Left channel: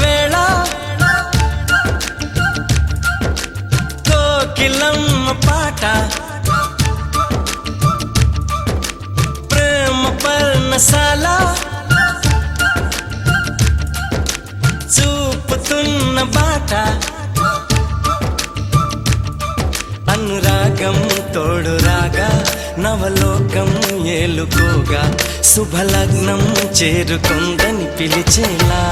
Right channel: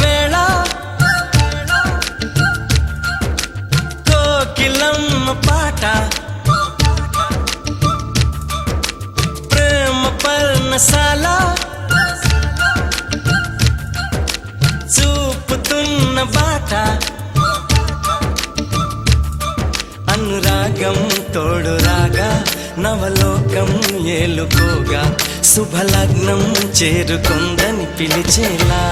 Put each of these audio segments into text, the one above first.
వేళ కోకిలమ్మ పాట ప్రేమ పర్ణశాల చూపుతున్న బాట అనురాగం తోడు రాగా నవలోకం ఏలుకోగా శుభలగ్నం చేరుకుందని పిలిచేలా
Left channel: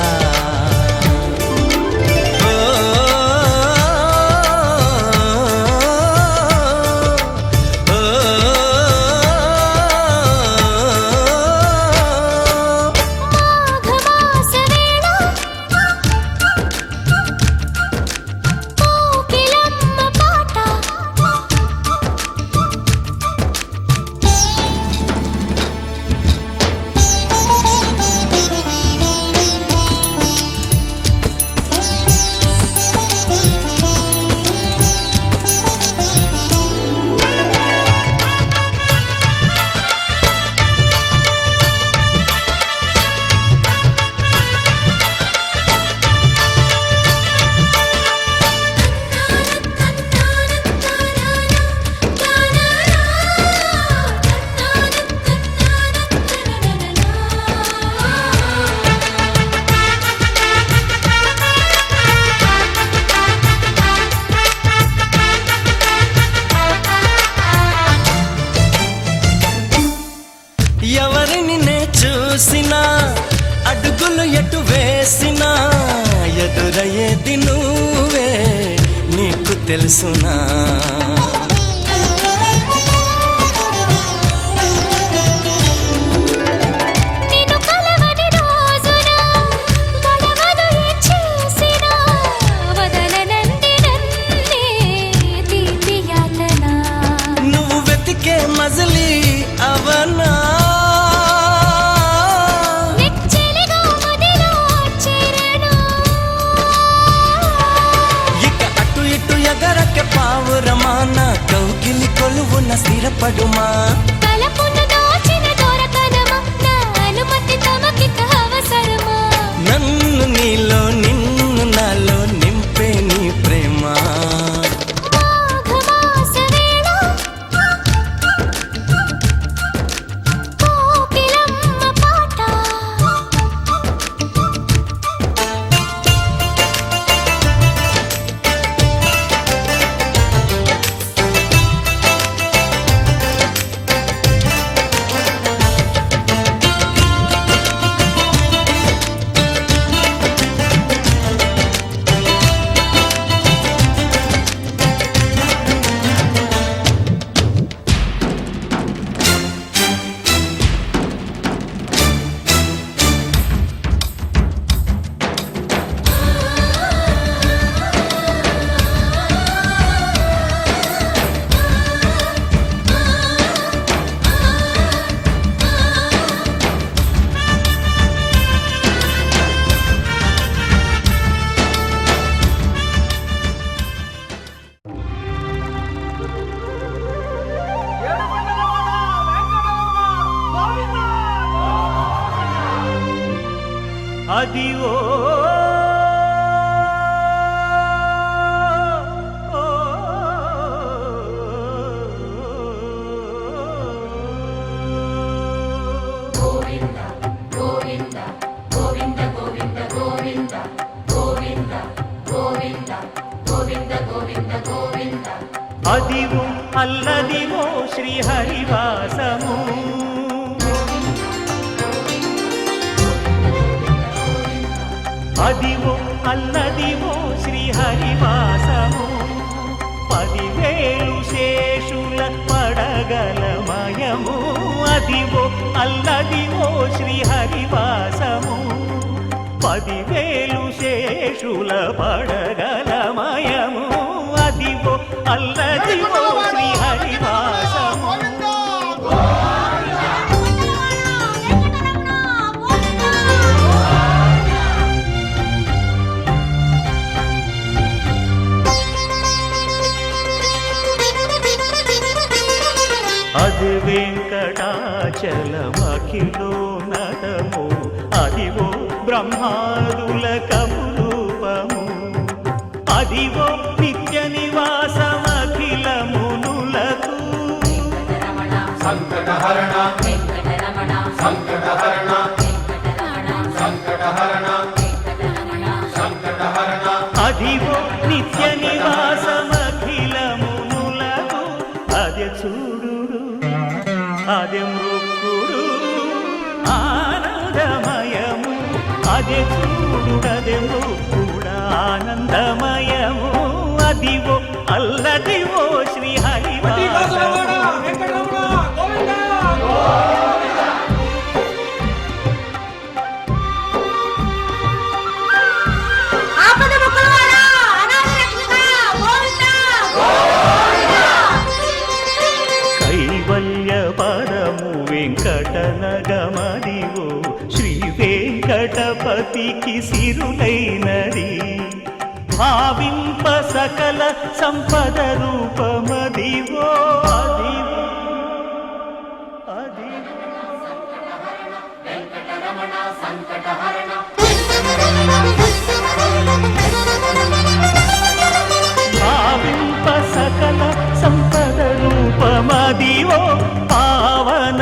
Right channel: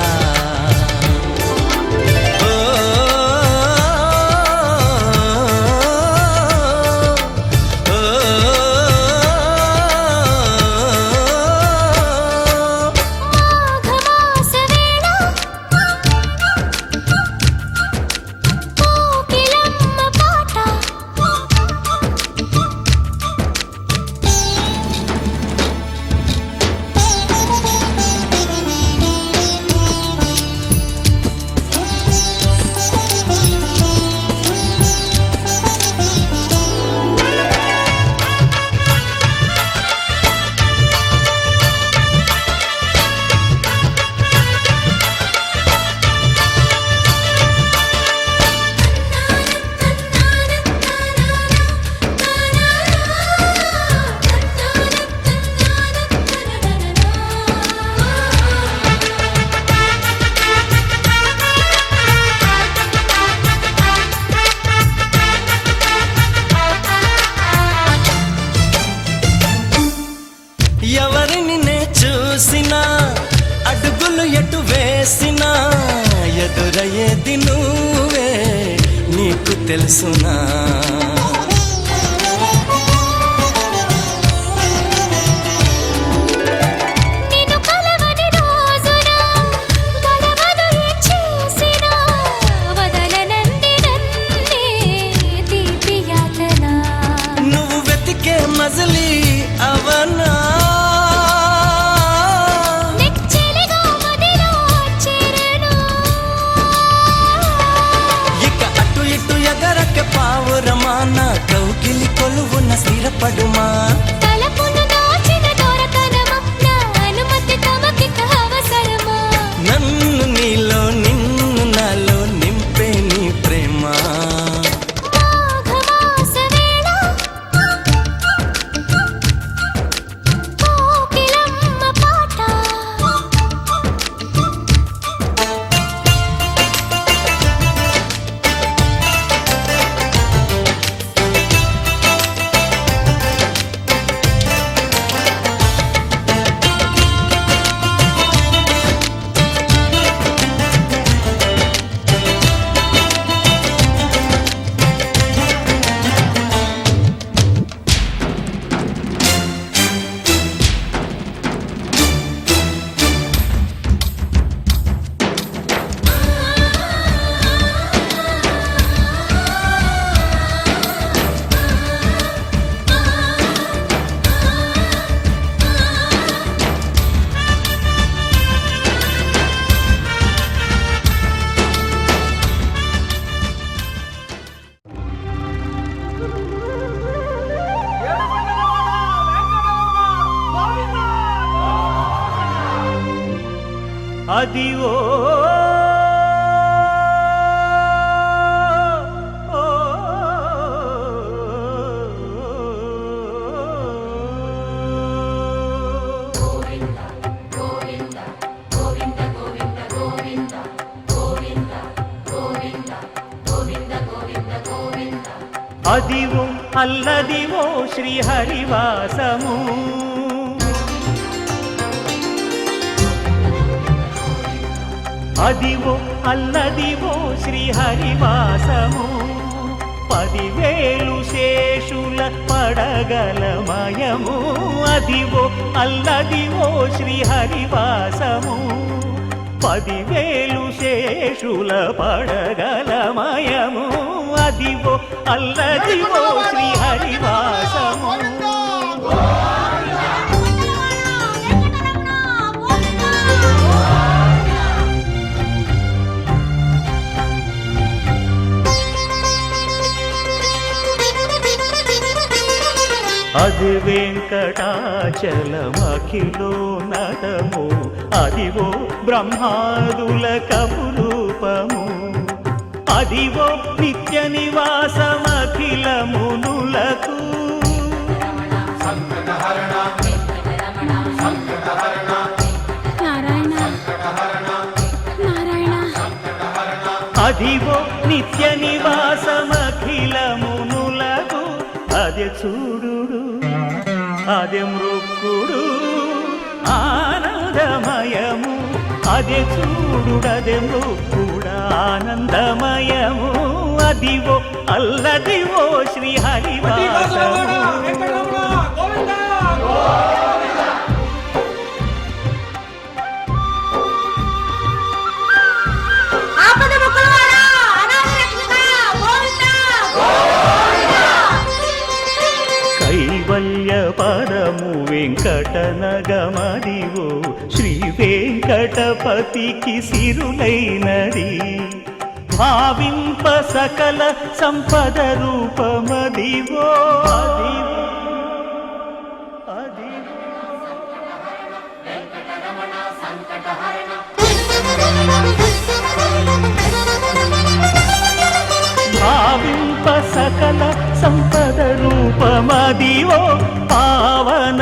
ఎవరిని నే చూసినా అడుగులు ఎటు వేసినా ఎదురయ్యేది నువ్వే నీకు తెలుసునా నువ్వు వెతికే మజిలీ అవనా ఎగరక పావురమాన కౌగిలి కొలువున స్థిరపడుమా తలపును దాచిన దొరకనమా నా అనుమతి తమకిక అవసరమా నన్ను నీలో నిన్ను నాలో నింపే నీ ప్రేమ అదివో అదివో అల్లదివో శ్రీహరివాసము అదివో అల్లదివో శ్రీహరివాసము 10,000 శేషుల పడగలమయము అదివో అల్లదివో శ్రీహరివాసము 10,000 శేషుల పడగలమయము అదివో అల్లదివో శ్రీహరివాసము అది వెంకటాచలమఖిలో నటము అదివో బ్రహ్మాదుల కము అదివో నిత్య నివాసమఖిల మునులకు అదివో నిత్య నివాసమఖిల మునులకు అదే చూడుడు అదే మృక్కుడు ఆనందమయము అదే చూడుడదే మృక్కుడ ఆనందమయము అదివో అల్లదివో శ్రీ హరివాసము కైవల్య పరము వెంకటనగమదివో శ్రీ వెంకటపతికి సిరులైనది భావింప సకల సంపద రూపమదివో అదివో అదివో భావింప సకల సంపద రూపమదివో పావనములకెల్ల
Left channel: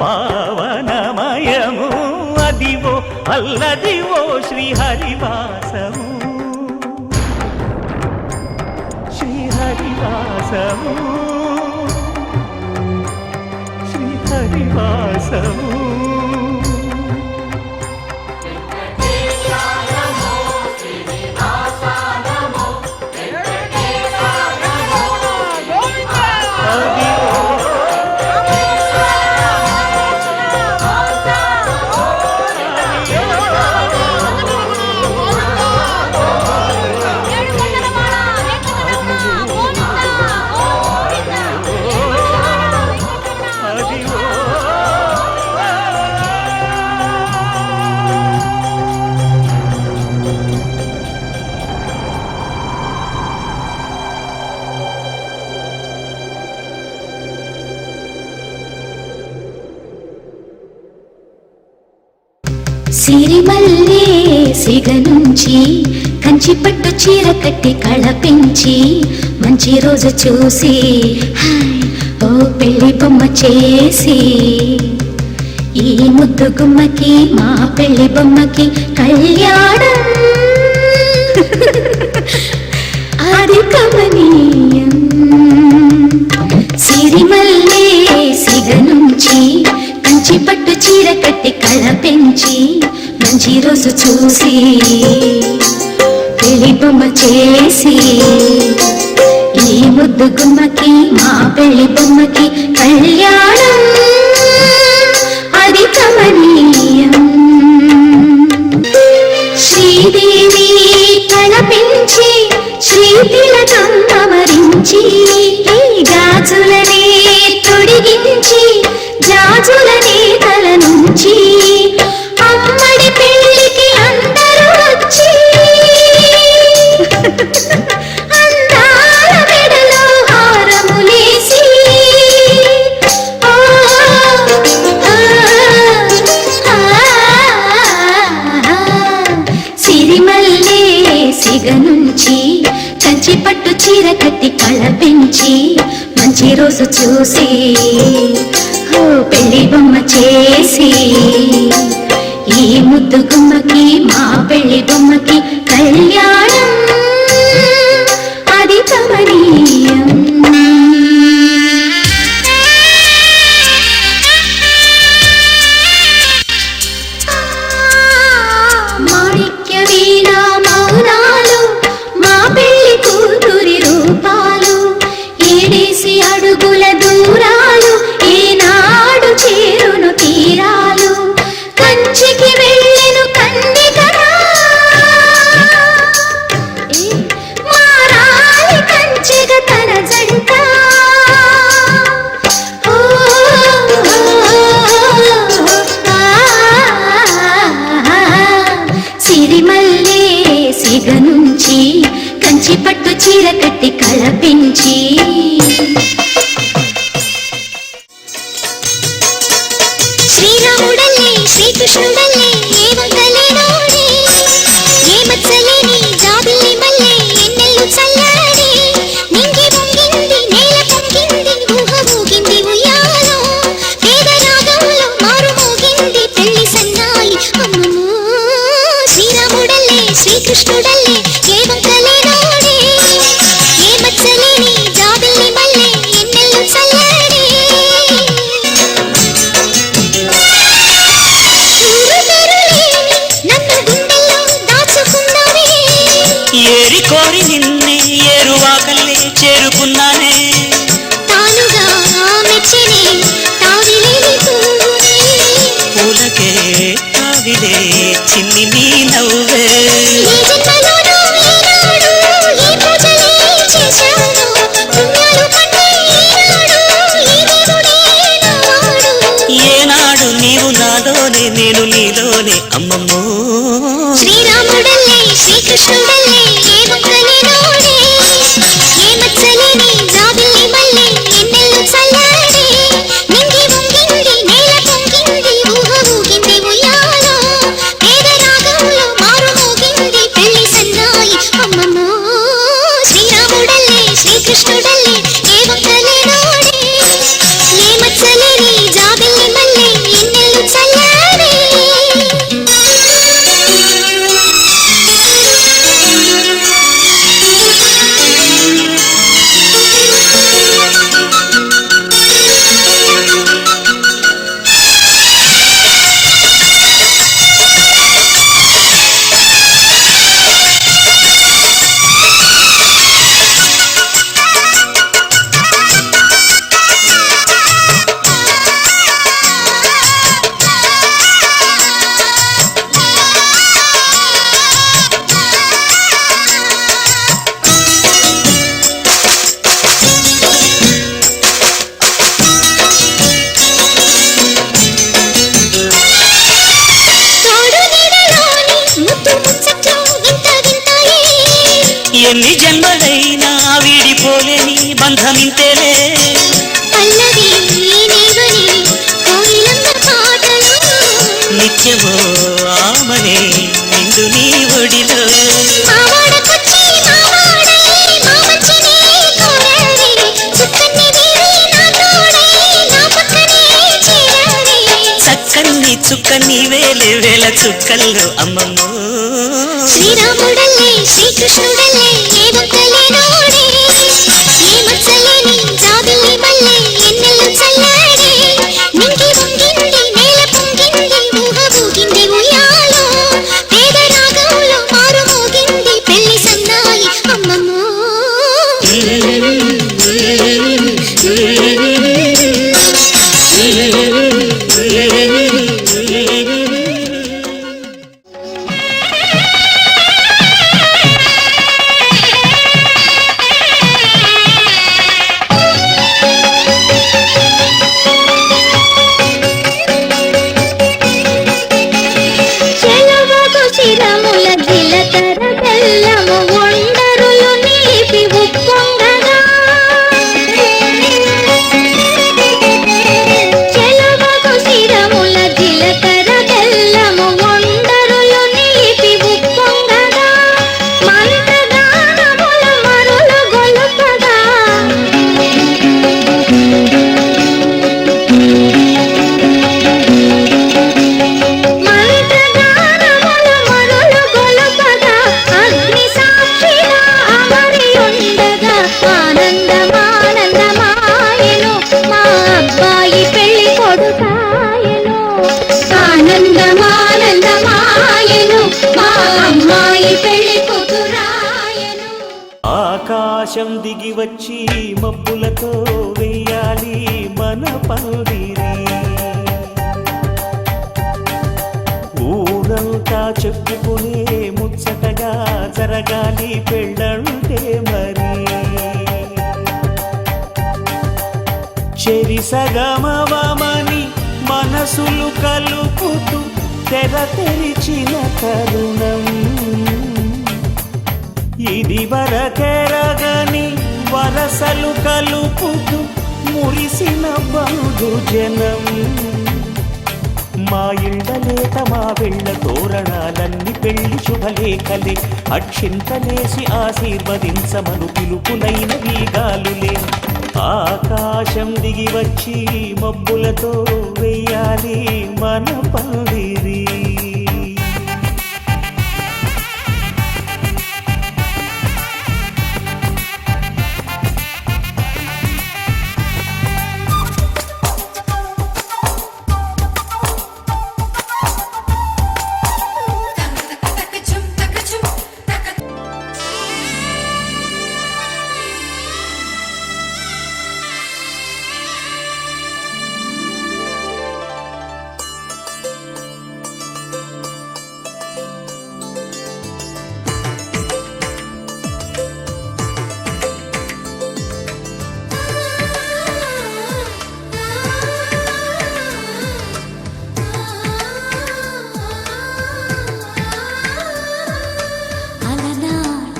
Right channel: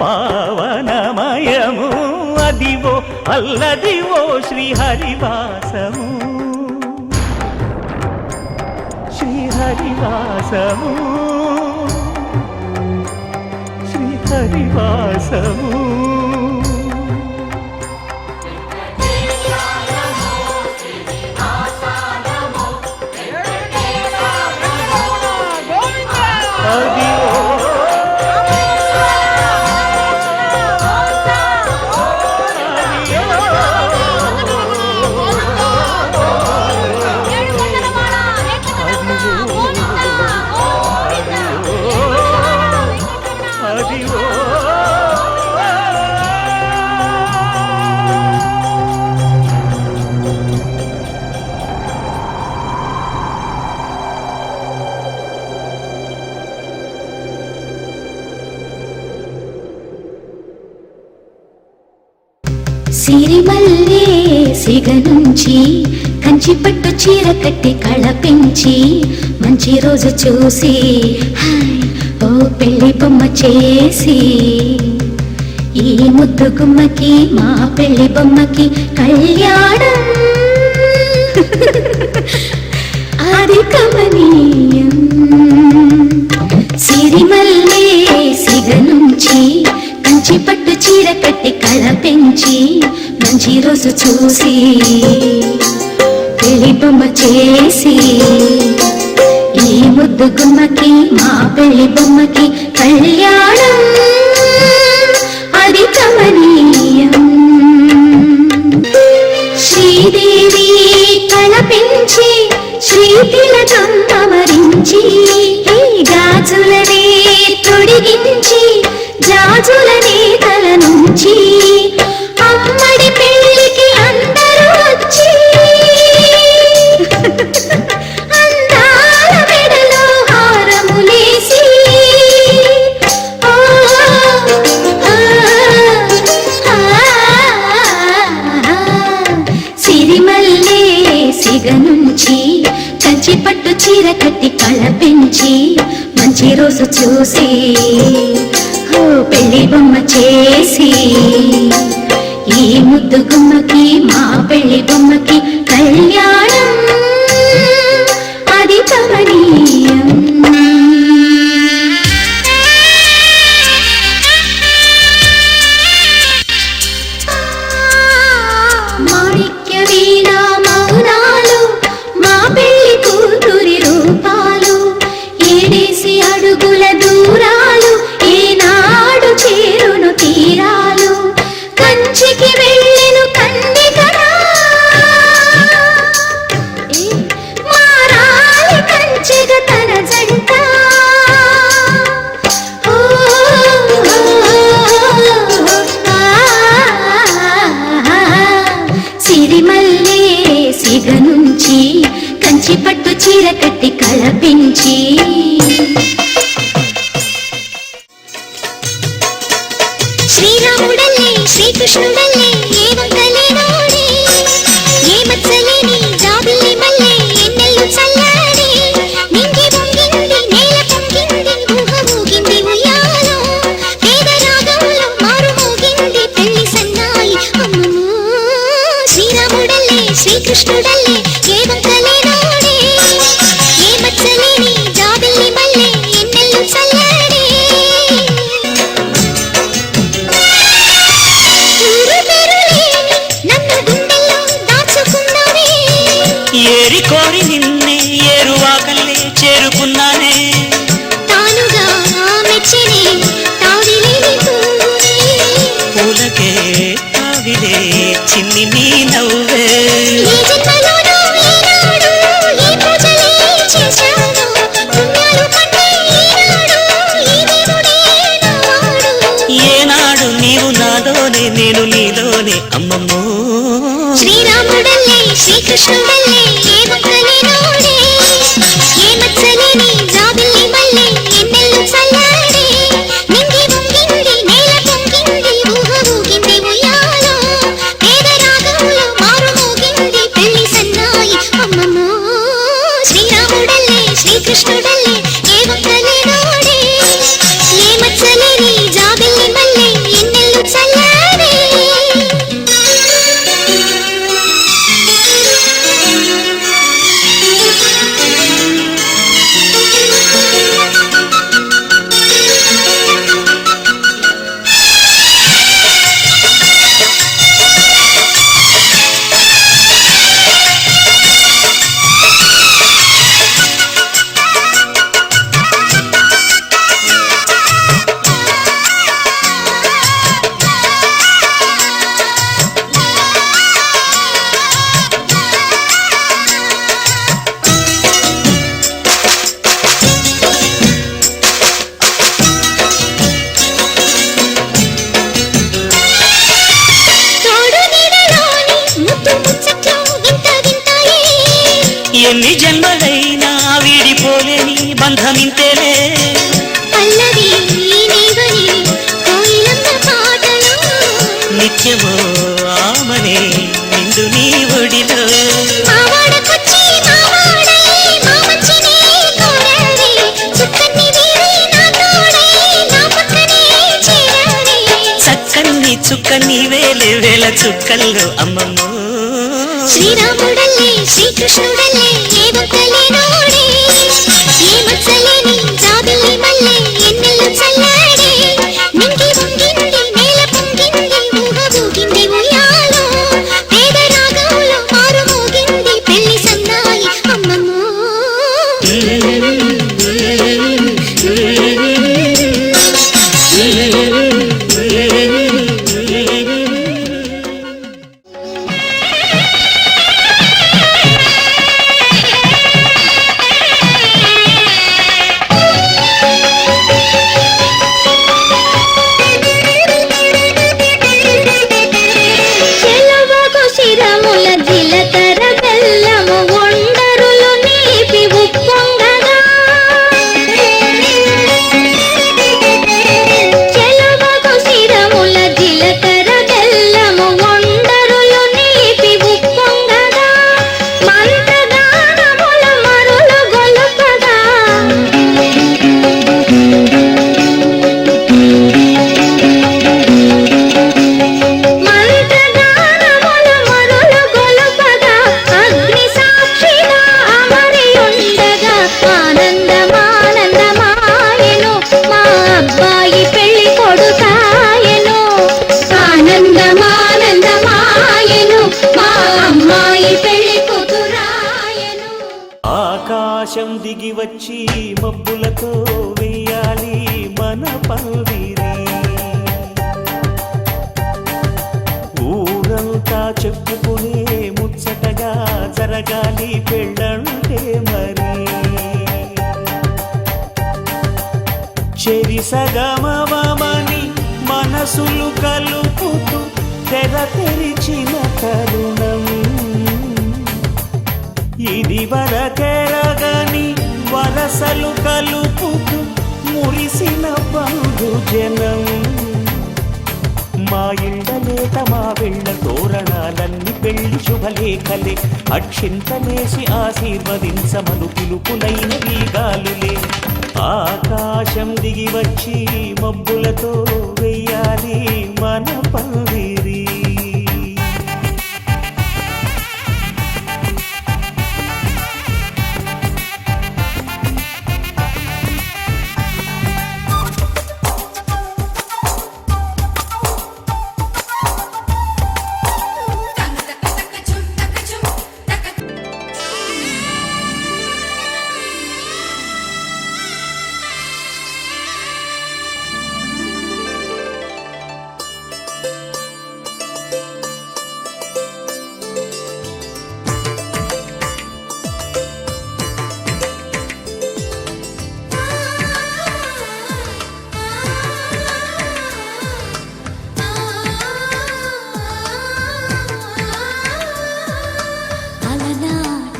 పావనమయము అదివో అల్లదివో శ్రీ హరివాసము శ్రీ హరివాసము శ్రీ హరివాసము సిరిమల్లే సిగ నుంచి కంచి పట్టు చీర కట్టి కళ పెంచి మంచి రోజు చూసి హాయ్ ఓ పెళ్లి బొమ్మ చేసి ఈ ముద్దు గుమ్మకి మా పెళ్లి బొమ్మకి కళ్యాణం అది కమనీయం సిరిమల్లే సిగ నుంచి కంచి పట్టు చీర కట్టి కళ పెంచి మంచి రోజు చూసి పెళ్లి బొమ్మ చేసి ఈ ముద్దు గుమ్మకి మా పెళ్లి బొమ్మకి కళ్యాణం అది కమనీయం శ్రీదేవి కళ పెంచి శ్రీ తిలకం అమరించి గాజులనే తొడిగించి జాజులనే తల నుంచి అమ్మడి పెళ్లికి అందరూ వచ్చి అందాల మెడలో హారములేసి సిరిమల్లే సిగ నుంచి కంచి పట్టు చీర కట్టి కళ పెంచి మంచి రోజు చూసి పెళ్లి బొమ్మ చేసి ఈ ముద్దు గుమ్మకి మా పెళ్లి బొమ్మకి కళ్యాణం అది కమనీయం మాణిక్య వీణ మౌనాలు మా పెళ్లి కూతురి రూపాలు ఏడేసి అడుగుల దూరాలు ఏనాడు చేరును తీరాలు కంచికి వెళ్ళెను కందికరా మారాలి కంచిగ తన జంట సిరిమల్లే సిగ నుంచి కంచి పట్టు చీర కట్టి కళ పెంచి శ్రీరాముడల్లే శ్రీకృష్ణుడల్లే ఏ వంకలేనోడే ఏ మత్సలేని జాబిల్లి శ్రీకృష్ణుడల్లే ఏ వంకలేనోడే ఏ మచ్చలేని జాబిల్లి మల్లె ఎన్నెల్లు చల్లడే ఊరు పేరులేని నన్ను గుండెల్లో దాచుకున్నావే ఏరి కోరి నిన్నే ఏరువాకల్లే చేరుకున్నానే తానుగా మెచ్చనే తావిలేని పువ్వునే పూలకే తావిలే చిన్ని నీ నవ్వే ఏ జన్మలోనూ ఈనాడు ఈ పూజలే చేశాను పుణ్యాలు కన్నే ఈనాడు ఈ దేవుడే నావాడు ఏనాడు నీవు నాలోనే నేను నీలోనే అమ్మమ్మో శ్రీరాముడల్లే శ్రీకృష్ణుడల్లే ఏ వంకలేనోడే ఏ మచ్చలేని జాబిల్లి మల్లె ఎన్నెల్లు చల్లడే నింగి వంగింది నేల పొంగింది ఊహ ఊగింది ఉయ్యాలో పేద రాగంలో మారు మోగింది పెళ్లి సన్నాయి అమ్మమ్మో శ్రీరాముడల్లే శ్రీకృష్ణుడల్లే ఏ వంకలేనోడే ఏ మచ్చలేని జాబిల్లి మల్లె ఎన్నెల్లు చల్లడే తోడు నీడలోని ముద్దు ముచ్చట్లు వింత వింతాయే ఎన్ని జన్మలైనా వీడిపోలేని బంధమింతేలే పల్లవి నీవని కోయిలమ్మ పాటలు నిత్యమో ఆమనే నిండు నీ ఒడిలో మావాడకొచ్చి మావాడై మా మంచినే కోరావే చుక్కని వీరి నా తోడై నా పక్కనే చేరావే చక్కన్ని చుక్కన్ని వేలే వేల చుక్కల్లో అమ్మమ్మో శ్రీరాముడల్లే శ్రీకృష్ణుడల్లే ఏ వంకలేనోడే ఏ మచ్చలేని జాబిల్లి మల్లె ఎన్నెల్లు చల్లడే నింగి వంగింది నేల పొంగింది ఊహ ఊగింది ఉయ్యాలో పేద రాగంలో మారు మోగింది పెళ్లి సన్నాయి అమ్మమ్మో చెలవకు శిరముల జిలకర బెల్లము ఒండరులు నీపి ఉప్పొంగగా చెలవకు శిరముల జిలకర బెల్లము ఒండరులు నీపి ఉప్పొంగగా మంటగానముల మరులు గొలుపగా మంటగానముల మరులు గొలుపగా అగ్ని సాక్షిగా అమరి ఉండగా ఆనందమానందమాయెను మా అబ్బాయి పెళ్లి కొడుకాయెను ఆనందమానందమాయెను మా అమ్మాయి పెళ్లి కూతురాయెను ఆకాశం దిగి వచ్చి మబ్బులతో వెయ్యాలి మన పందిరి ఊరంతా చెప్పుకునే ముచ్చటగా జరగాలి పెళ్ళంటే మరి చెరిసగమవమని మనసులు కలుపుతూ తెర తెరిచిన తరుణం ఇది వరకెరగని వరసలు కలుపుతూ మురిసిన బంధుజనం మా ఇళ్ళలేత మా వెళ్ళ తోరణాలన్నీ పెళ్లి శుభలేఖలే అక్షింతలేసి ఆశీర్వదించమను పిలుపులైన వీగాలులే ఆకాశం దిగి వచ్చి మబ్బులతో వెయ్యాలి మన పందిరి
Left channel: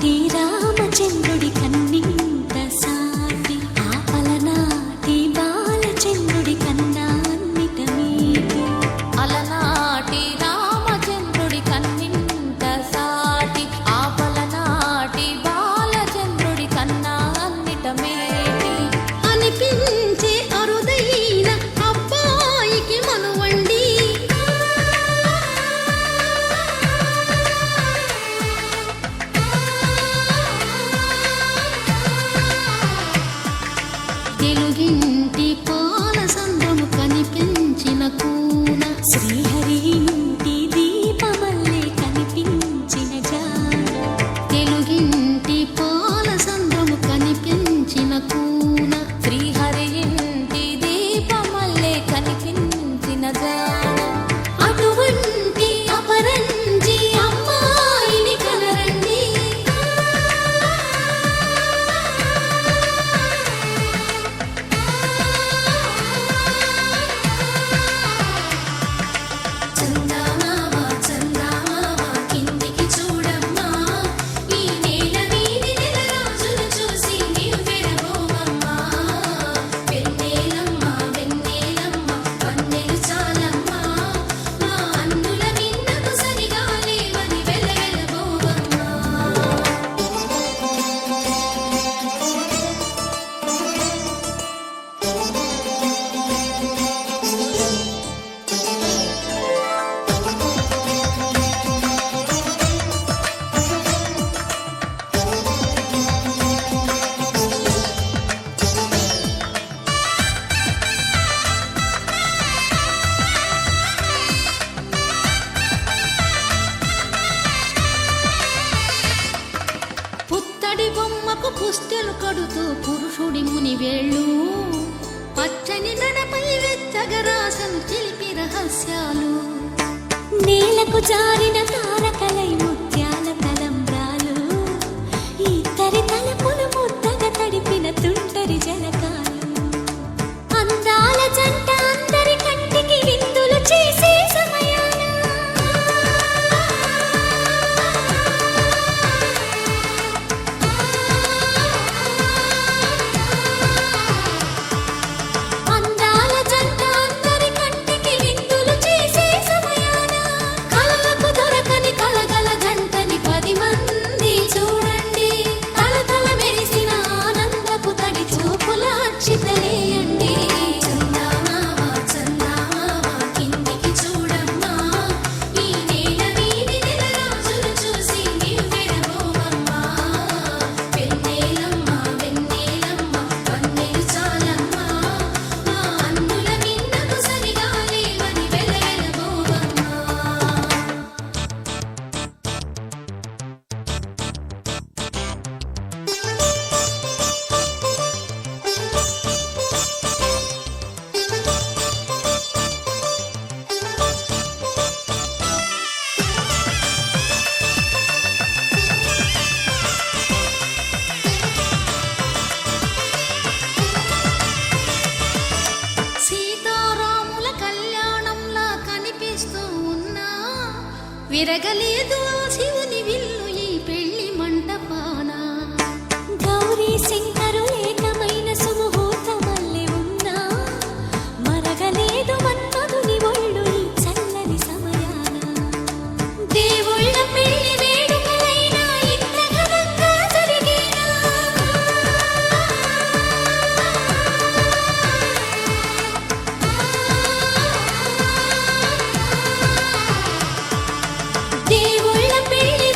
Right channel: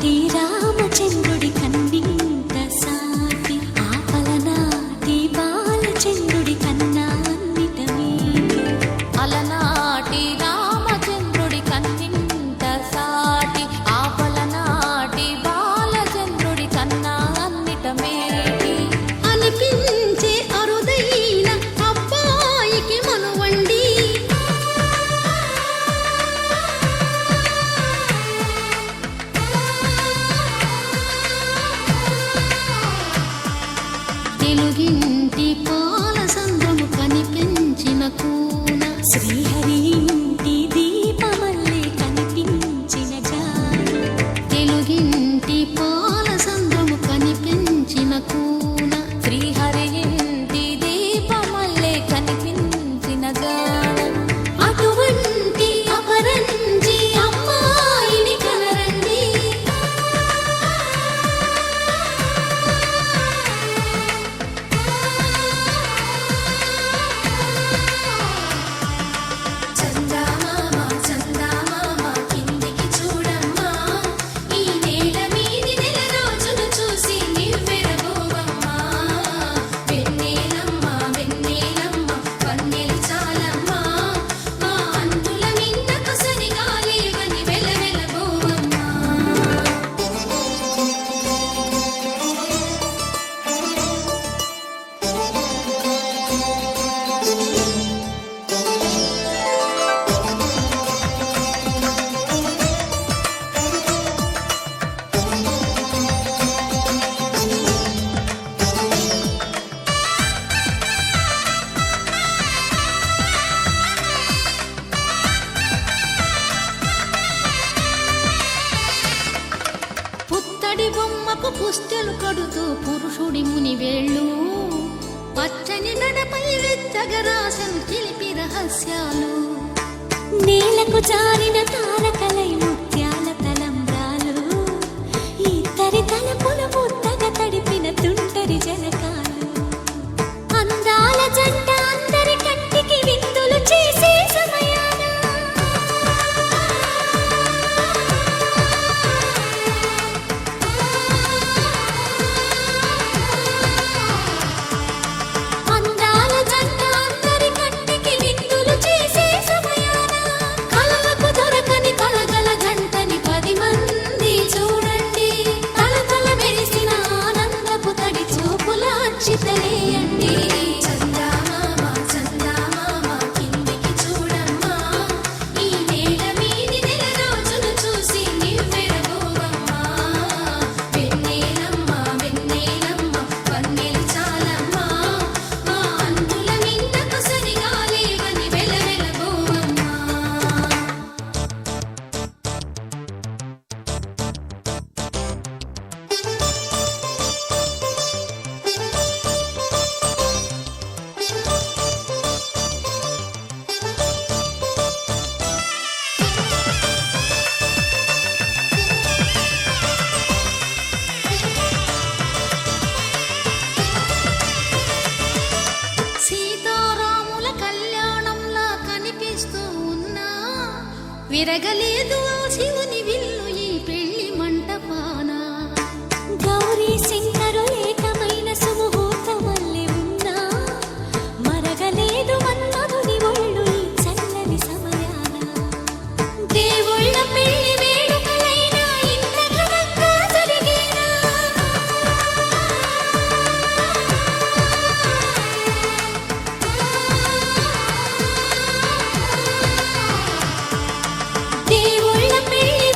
అలనాటి రామచంద్రుడి కన్నింత సాటి ఆపలనాటి బాలచంద్రుడి కన్నా అన్నిట మీటి అలనాటి రామచంద్రుడి కన్నింత సాటి ఆపలనాటి బాలచంద్రుడి కన్నా అన్నిట మేటి అనిపించే అరుదైన అబ్బాయికి మనువండి తెలుగింటి పాల సంద్రము కనిపించిన కూన శ్రీహరి ఇంటి దీపమల్లే కనిపించిన జాన తెలుగింటి పాల సంద్రము కనిపించిన కూన శ్రీహరి ఇంటి దీపమల్లే కనిపించిన జాడ అటువంటి అపరంజి అమ్మాయిని కనరండి చందమామ చందమామ కిందికి చూడమ్మా ఈ నేల వీధి నెల రోజులు చూసి నివ్వెరబోవమ్మా వెన్నెలమ్మ వెన్నెలమ్మ వన్నెలు చాలమ్మా మా అందుల మిన్నకు సరిగా లేవని వెలవెలబోవమ్మా పుత్తడి బొమ్మకు పుస్తెలు కడుతూ పురుషుడి ముని వేళ్ళు పచ్చని నడపై వెచ్చగరాసను చిలిపి రహస్యాలు నేలకు జారిన తారకలై ముత్యాల తలంబ్రాలు ఇద్దరి తలపులు ముద్దగా తడిపిన తుంటరి జలకాలు అందాల జంట అందరి కంటికి విందులు చేసే సమయాన అందాల జంట అందరి కంటికి విందులు చేసే సమయాన కలలకు దొరకని కలగల జంటని 10 మంది చూడండి తలతల మెరిసిన ఆనందపు తడి చూపుల అచ్చితలేయండి చందమామ చందమామ కిందికి చూడమ్మా ఈ నేల వీధి నెల రోజులు చూసి నివ్వెరబోవమ్మా వెన్నెలమ్మ వెన్నెలమ్మ వన్నెలు చాలమ్మా మా అందుల మిన్నకు సరిగా లేవని వెలవెలబోవమ్మా సీతారాముల కళ్యాణంలా కనిపిస్తూ ఉన్నా విరగలేదు ఆ శివుని విల్లు ఈ పెళ్లి మంటపాన గౌరీ శంకరు ఏకమైన సుముహూర్తమల్లె ఉన్నా మరగలేదు మన్మధుని ఒళ్ళు ఈ చల్లని సమయాన దేవుళ్ళ పెళ్లి వేడుకలైనా ఇంత ఘనంగా జరిగేనా దేవుళ్ళ పెళ్లి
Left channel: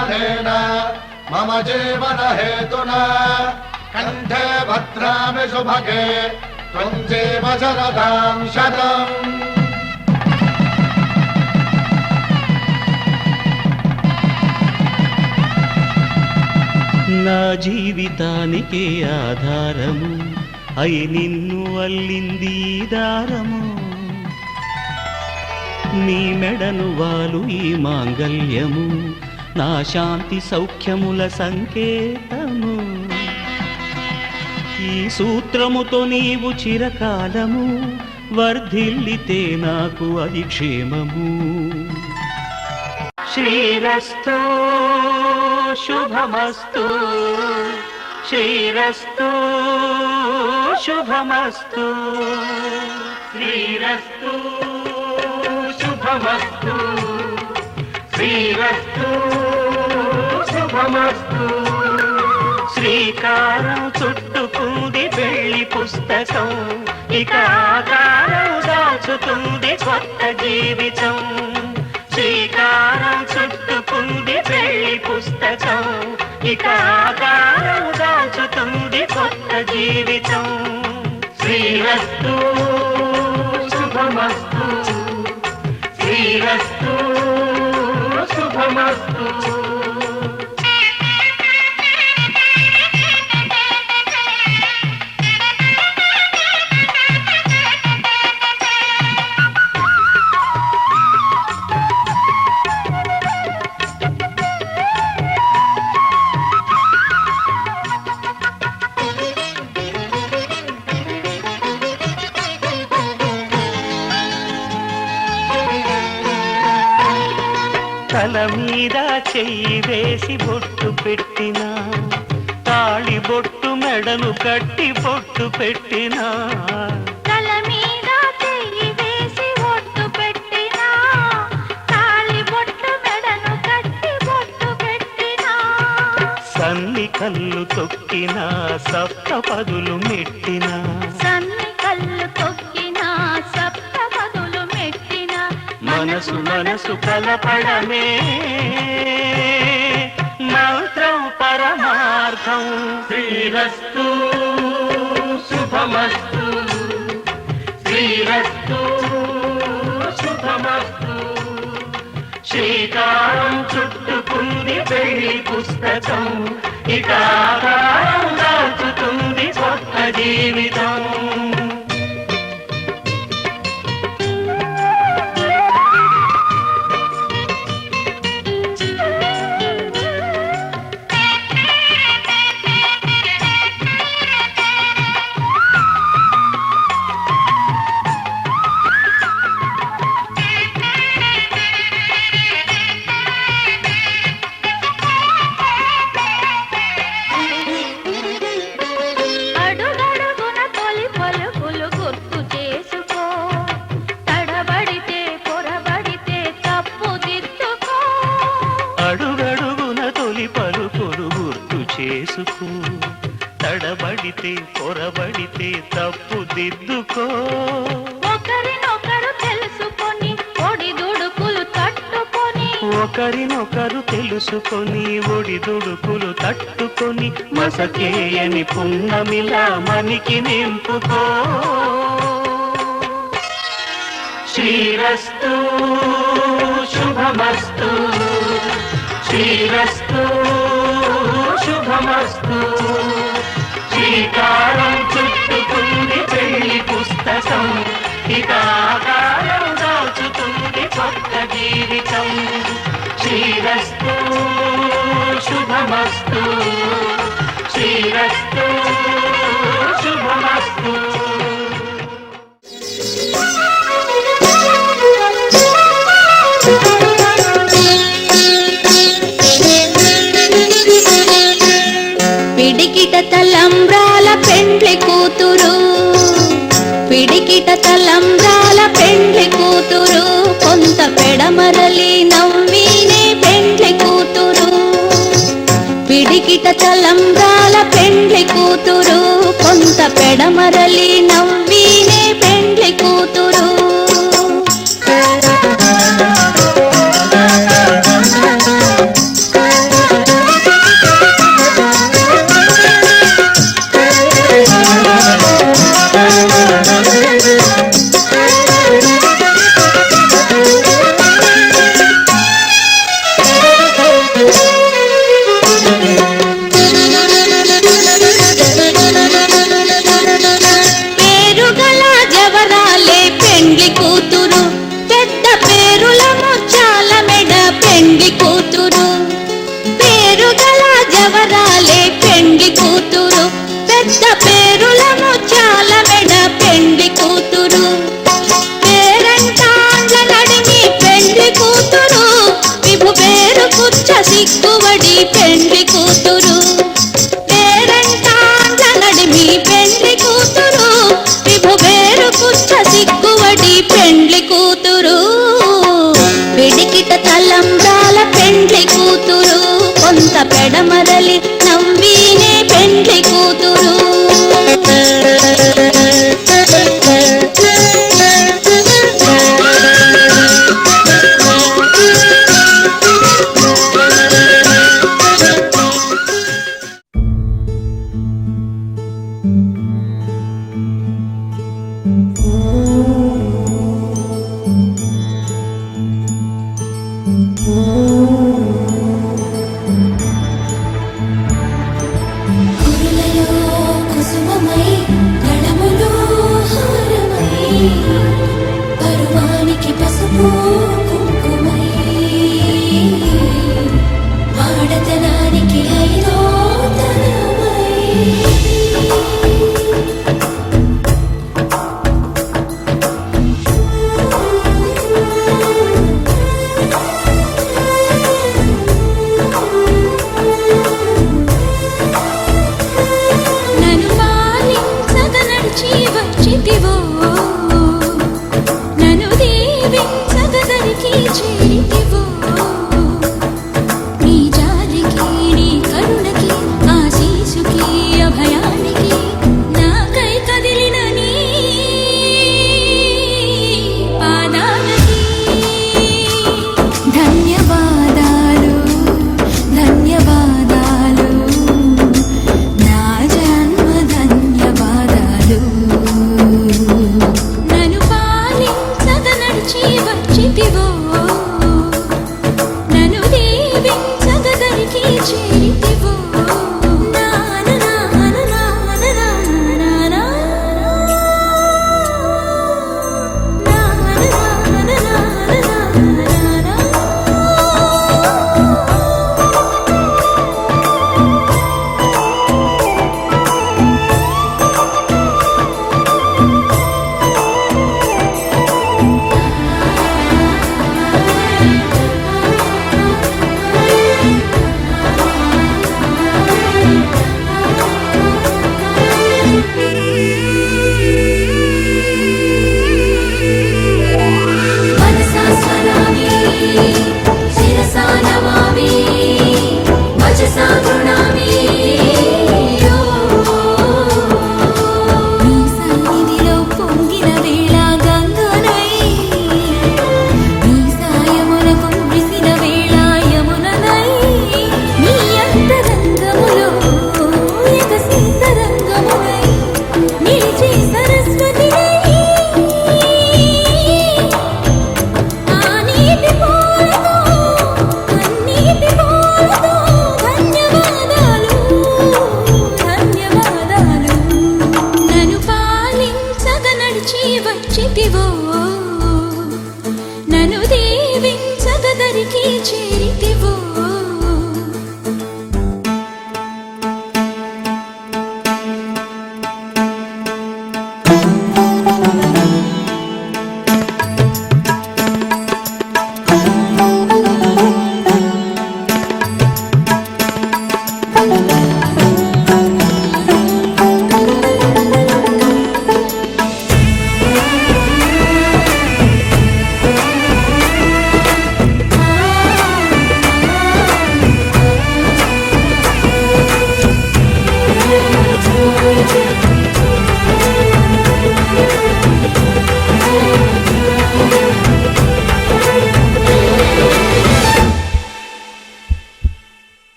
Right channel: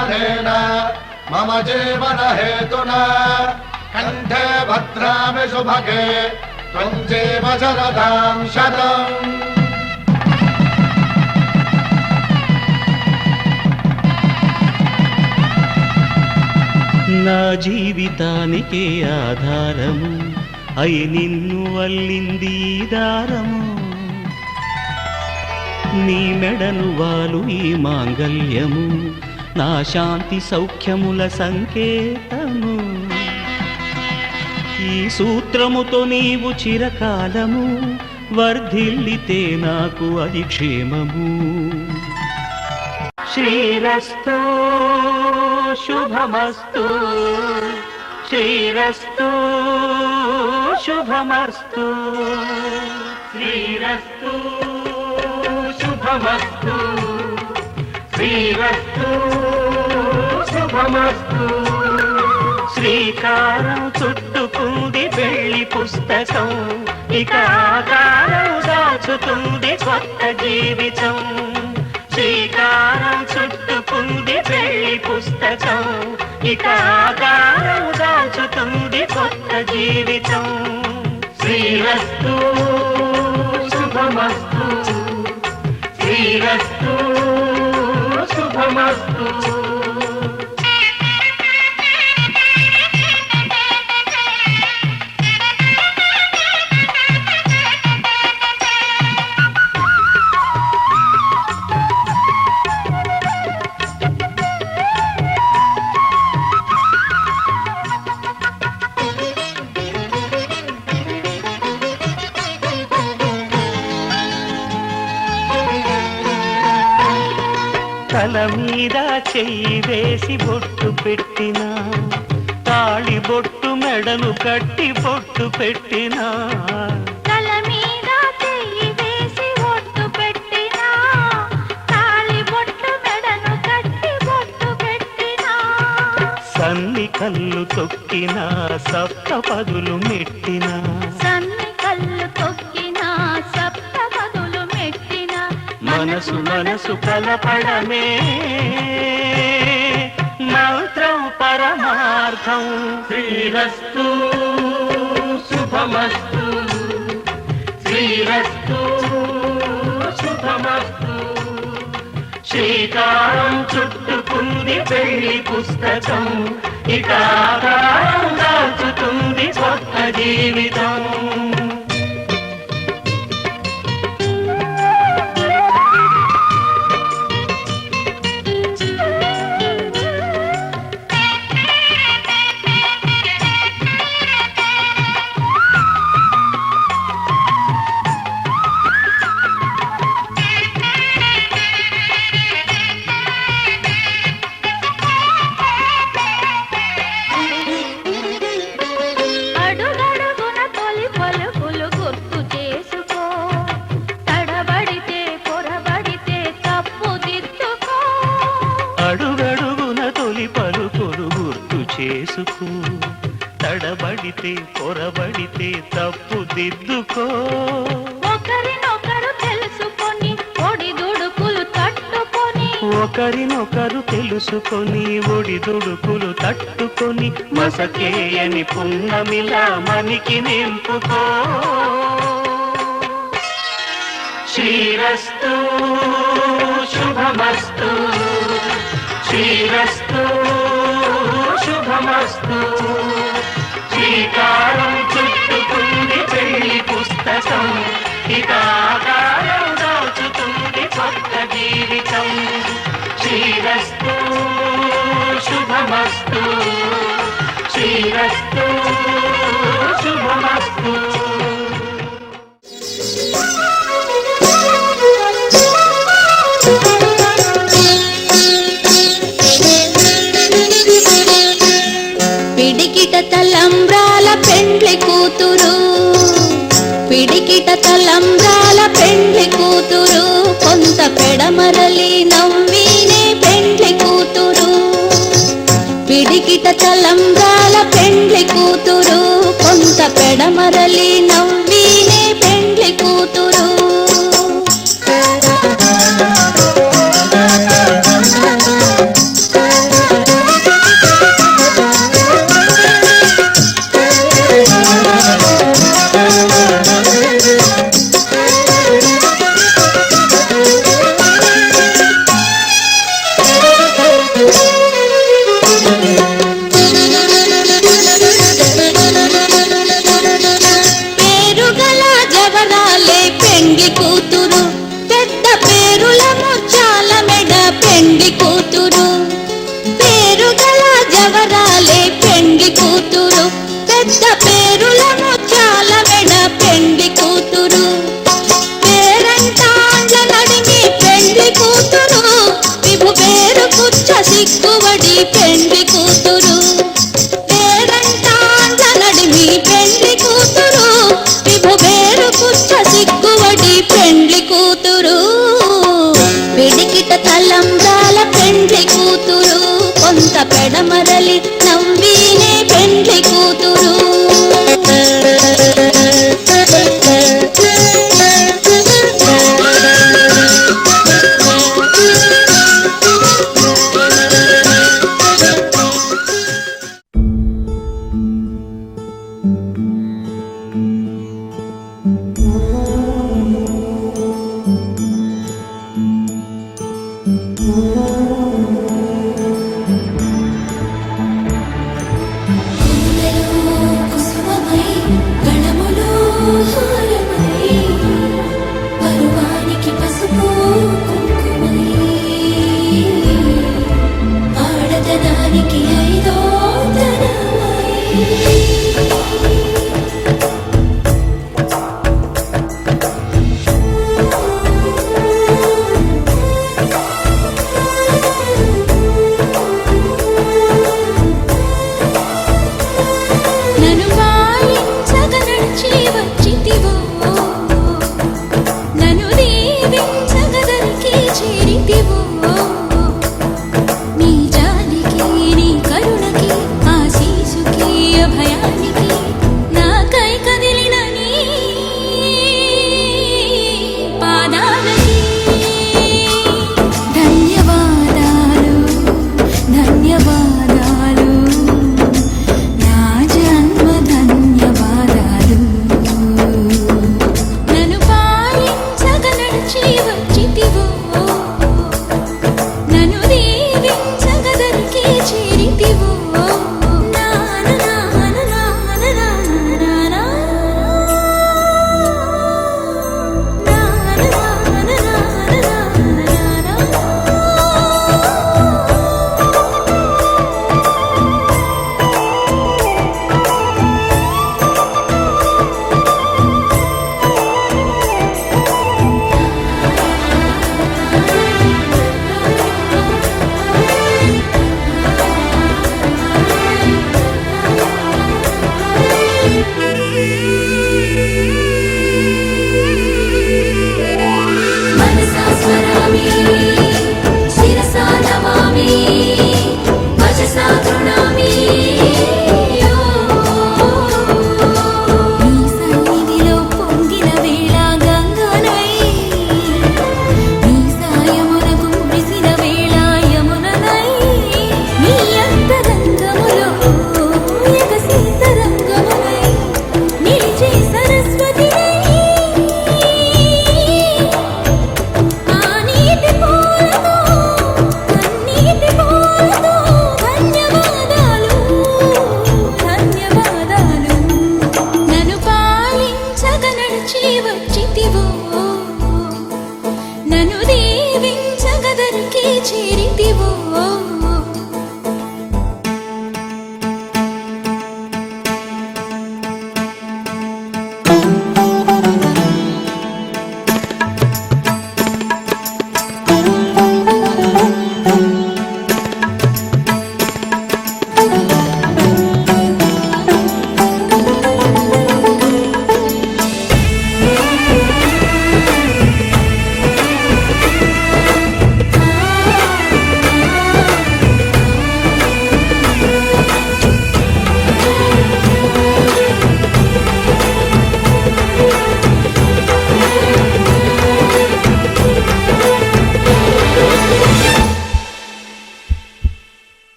कालेन मम जीवन हेतुना कण्ठे भद्रामि शुभगे त्वं जीव शरदां शतम् నా జీవితానికి ఆధారము అయి నిన్ను అల్లింది ఈ దారము నీ మెడను వాలు ఈ మాంగల్యము నా శాంతి సౌఖ్యముల సంకేతము ఈ సూత్రముతో నీవు చిరకాలము వర్ధిల్లితే నాకు అది క్షేమము శ్రీరస్తు శుభమస్తు శ్రీరస్తు శుభమస్తు శ్రీరస్తు శుభమస్తు శ్రీరస్తు శుభమస్తు శ్రీకారం చుట్టుకుంది పెళ్లి పుస్తకం ఇక ఆకారం దాచుతుంది కొత్త జీవితం శ్రీకారం చుట్టుకుంది పెళ్లి పుస్తకం ఇక ఆకారం దాచుతుంది కొత్త జీవితం శ్రీరస్తు శుభమస్తు శ్రీరస్తు శుభమస్తు తల మీద చెయ్యి వేసి బొట్టు పెట్టినా తాళి బొట్టు మెడను కట్టి బొట్టు పెట్టినా తల మీద చెయ్యి వేసి బొట్టు పెట్టినా తాళి బొట్టు మెడను కట్టి బొట్టు పెట్టినా సన్ని కళ్ళు తొక్కినా సప్త పదులు మెట్టినా సన్ని కళ్ళు తొక్కినా సప్త పదులు మెట్టినా మనసు మనసు కలపడమే మంత్రం పరమార్థం శ్రీరస్తు శుభమస్తు శ్రీరస్తు శుభమస్తు శ్రీకారం చుట్టుకుంది పెళ్లి పుస్తకం ఇక ఆకారం దాచుతుంది కొత్త జీవితం అడుగడుగున తొలి పలుకులు గుర్తు చేసుకో తడబడితే పొరబడితే తప్పు దిద్దుకో అడుగడుగున తొలి పలుకులు గుర్తు చేసుకో తడబడితే పొరబడితే తప్పు దిద్దుకో ఒకరినొకరు తెలుసుకొని ఒడిదుడుకులు తట్టుకొని ఒకరినొకరు తెలుసుకొని ఒడిదుడుకులు తట్టుకొని మసకేయని పున్నమిలా మనికి నింపుకో శ్రీరస్తు శుభమస్తు శ్రీరస్తు శుభమస్తు శ్రీకారం చుట్టుకుంది పెళ్లి పుస్తకం ఇక ఆకారం దాచుతుంది కొత్త జీవితం శ్రీరస్తు శుభమస్తు శ్రీరస్తు శుభమస్తు పిడికిట తలంబ్రాల పెండ్లి కూతురు పిడికిట తలంబ్రాల పెండ్లి కూతురు కొంత పెడమరలి నవ్వినే పెండ్లి కూతురు పిడికిట తలంబ్రాల పెండ్లి కూతురు కొంత పెడమరలి నవ్వినే పెండ్లి కూతురు ఎవరాలే పెండ్లి కూతురు, పెద్ద పేరుల ముచ్చాల మెడ పెండ్లి కూతురు. పేరంటాండ్ల నడిమి పెండ్లి కూతురు, ఇవు పేరు కుచ్చ సిక్కువడి పెండ్లి కూతురు. పేరంటాండ్ల నడిమి పెండ్లి కూతురు, ఇవు పేరు కుచ్చ సిక్కువడి పెండ్లి కూతురు. పిడికిట తలంబ్రాల పెండ్లి కూతురు, కొంత పెడమరలి నవ్వీనే పెండ్లి కూతురు.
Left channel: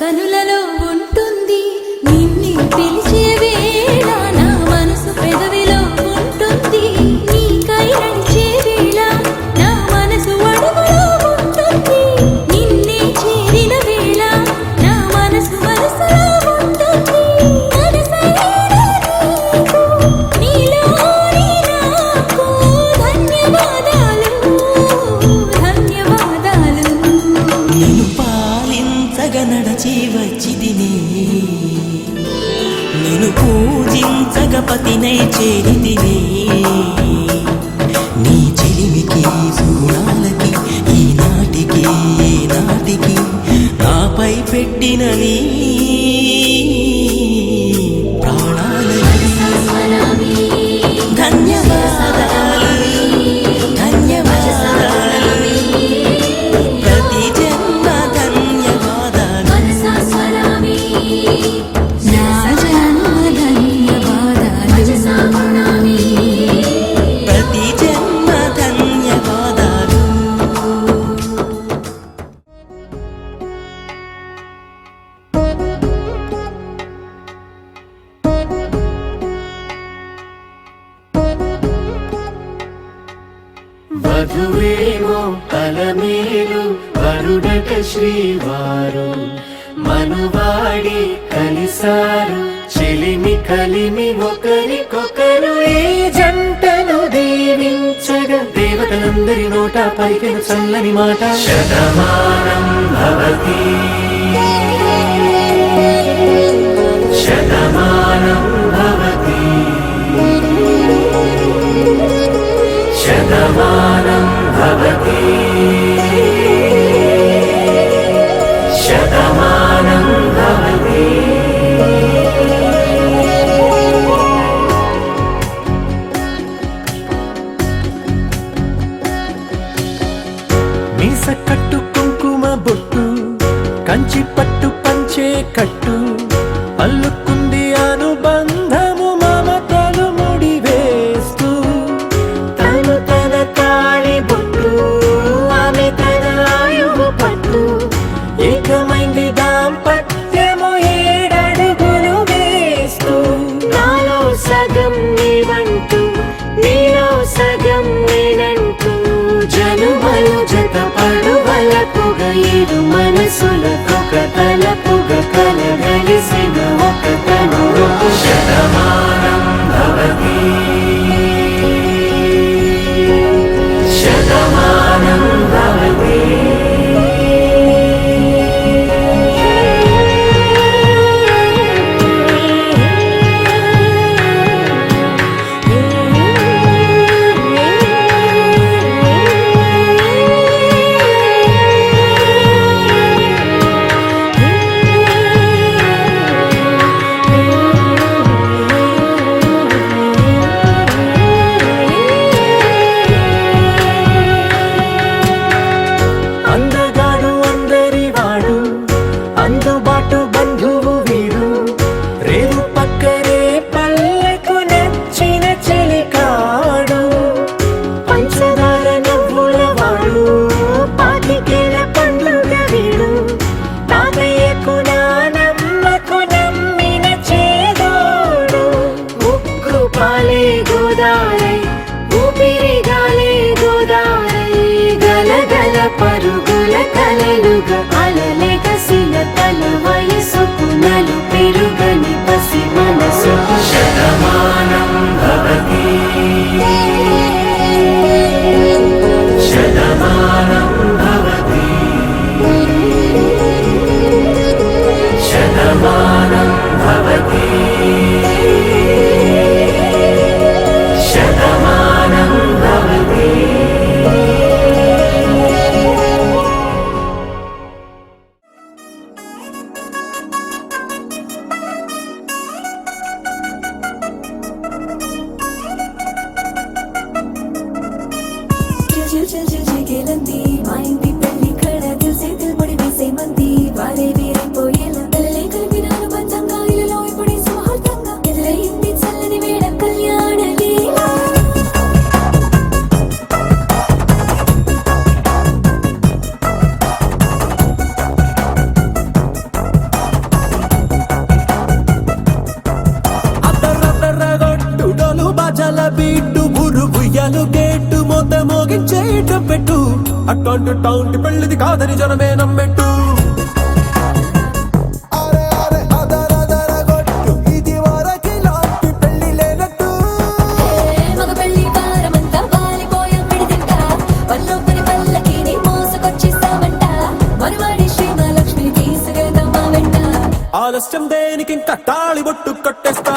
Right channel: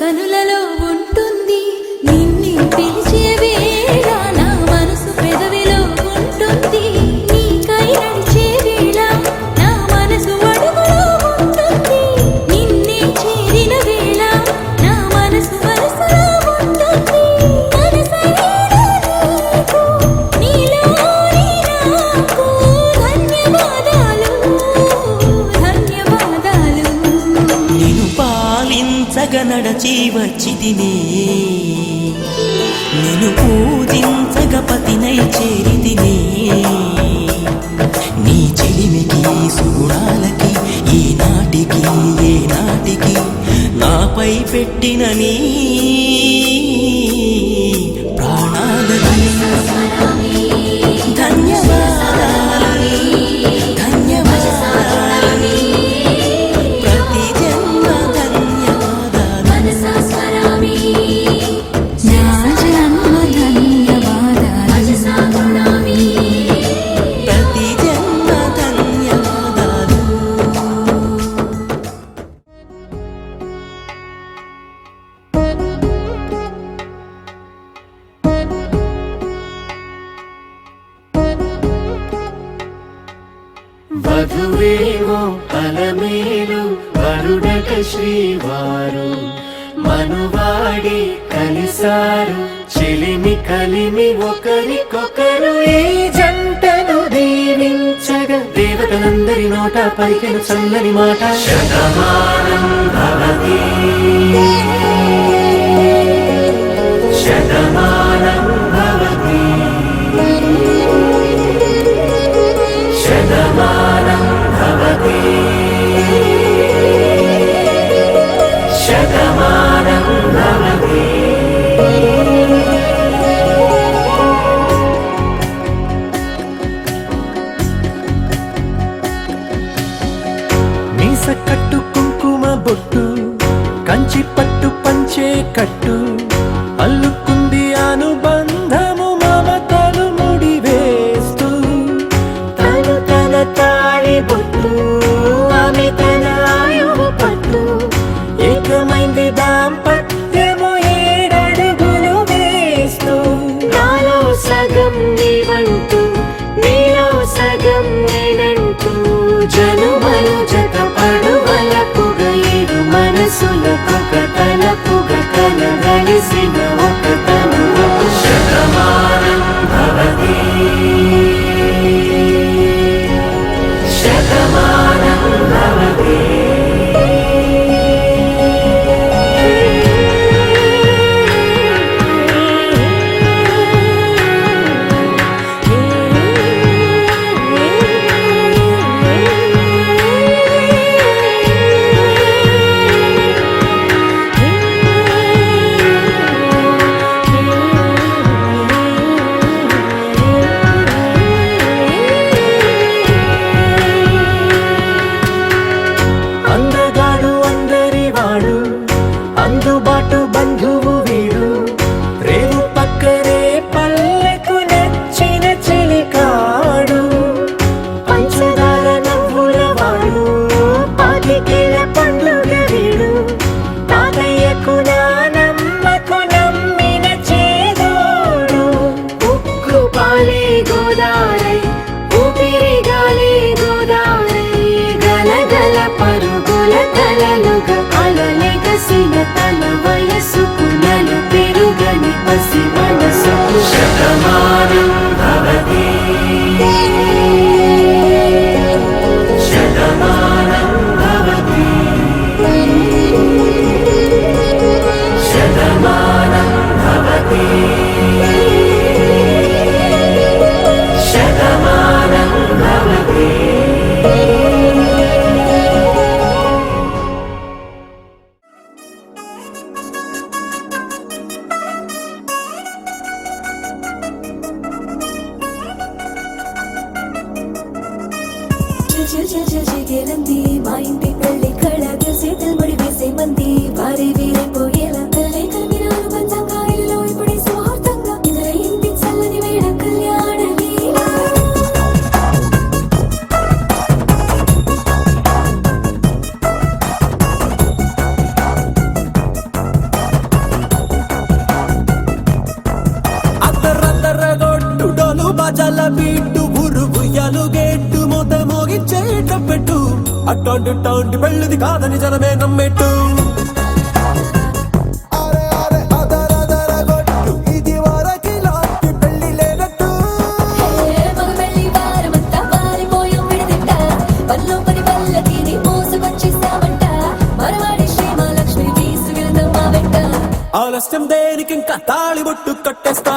కనులలో ఉంటుంది, నిన్ను పిలిచే వేళ నా మనసు పెదవిలో ఉంటుంది. నీకై నడిచే వేళ నా మనసు అడుగులో ఉంటుంది. నిన్నే చేరిన వేళ నా మనసు మనసులో ఉంటుంది. మనసైన నీకు, నీలోని నాకు ధన్యవాదాలు, ధన్యవాదాలు. చేరితిని నీ చిలిమికి సూడాలకి ఈనాటికి ఏనాటికి నాపై పెట్టిన నీ ప్రాణాలని ధన్యవాదాలు ధన్యవాదాలు ప్రతి జన్మ ధన్యవాదాలు ప్రతి జన్మ ధన్యవాదాలు వధువేమో అలమేలు వరుడక శ్రీవారు మనువాడి కలిసారు చెలిమి కలిమి ఒకరికొకరు ఈ జంటను దీవించగా దేవతలందరి నోట పలికిన చల్లని మాట శతమానం భవతి శతమానం భవతి శతమానం భవతి శతమానం భవతి మీస కట్టు కుంకుమ బొట్టు కంచి పట్టు పంచే కట్టు అల్లుకుంది అనుబంధము మమతలు ముడివేస్తూ తను తన తాళి బొట్టు ఆమె తన ఆయువు పట్టు ఏకమైంది దాంపత్యము 7 అడుగులు వేస్తూ నాలో సగం నీవంటూ నీలో సగం నేనంటూ జనుమలు జత పడువలపుగ ఇరు మనసులకొక తలపుగ కలగలిసిన ఒక తను శతమానం భవతి శతమానం భవతి అందగాడు అందరివాడు అందుబాటు బంధువు వీడు రేవు పక్కరే పల్లెకు నచ్చిన చెలికాడు పంచదార నవ్వుల వాడు పాతికేల పండుగ వీడు తాతయ్యకు నానమ్మకు నమ్మిన చేదోడు ఉక్కు పాలే గోదారై ఊపిరి గాలే గోదారై గలగల పరుగుల కలలుగా అలలెగసిన తన వయసుకు నలు పెరుగని పసి మనసుకు శతమానం భవతి శతమానం భవతి శతమానం భవతి శతమానం భవతి అట్టాంటి టాంటి పెళ్ళిది కాదని జనమే నమ్మెట్టు అరే అరే అదరదర గొట్టు ఇది వరకి లాంటి పెళ్లి లేనట్టు ఆలస్యం దేనికి ఇంకా తాళి బొట్టు కొట్టేస్తా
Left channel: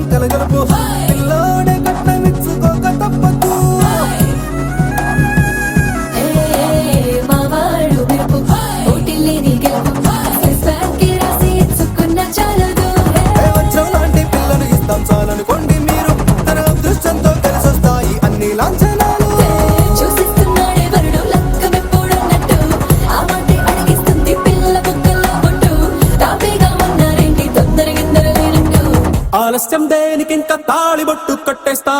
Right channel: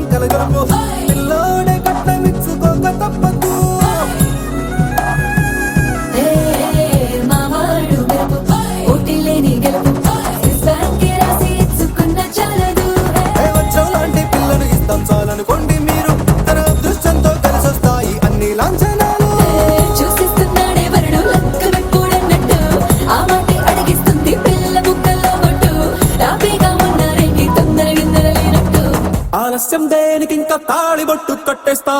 మనం కలగలుపు పిల్లోడే కట్నమిచ్చుకోక తప్పదు మావాడు మెరుపు ఓటిల్లేని గెలుపు సంసార్కి రాసి ఇచ్చుకున్న చాలదు వచ్చం లాంటి పిల్లను ఇస్తాం చాలనుకోండి మీరు తన అదృష్టంతో కలిసొస్తాయి అన్ని లాంఛనాలు చూస్తున్నాడే వరుడు లక్కమిప్పుడన్నట్టు ఆ మాటే అడిగిస్తుంది పిల్ల బుగ్గల్లో కొట్టు తాపీగా ఉన్నారేంటి తొందర విందర లేనట్టు ఆలస్యం దేనికి ఇంకా తాళి బొట్టు కట్టేస్తా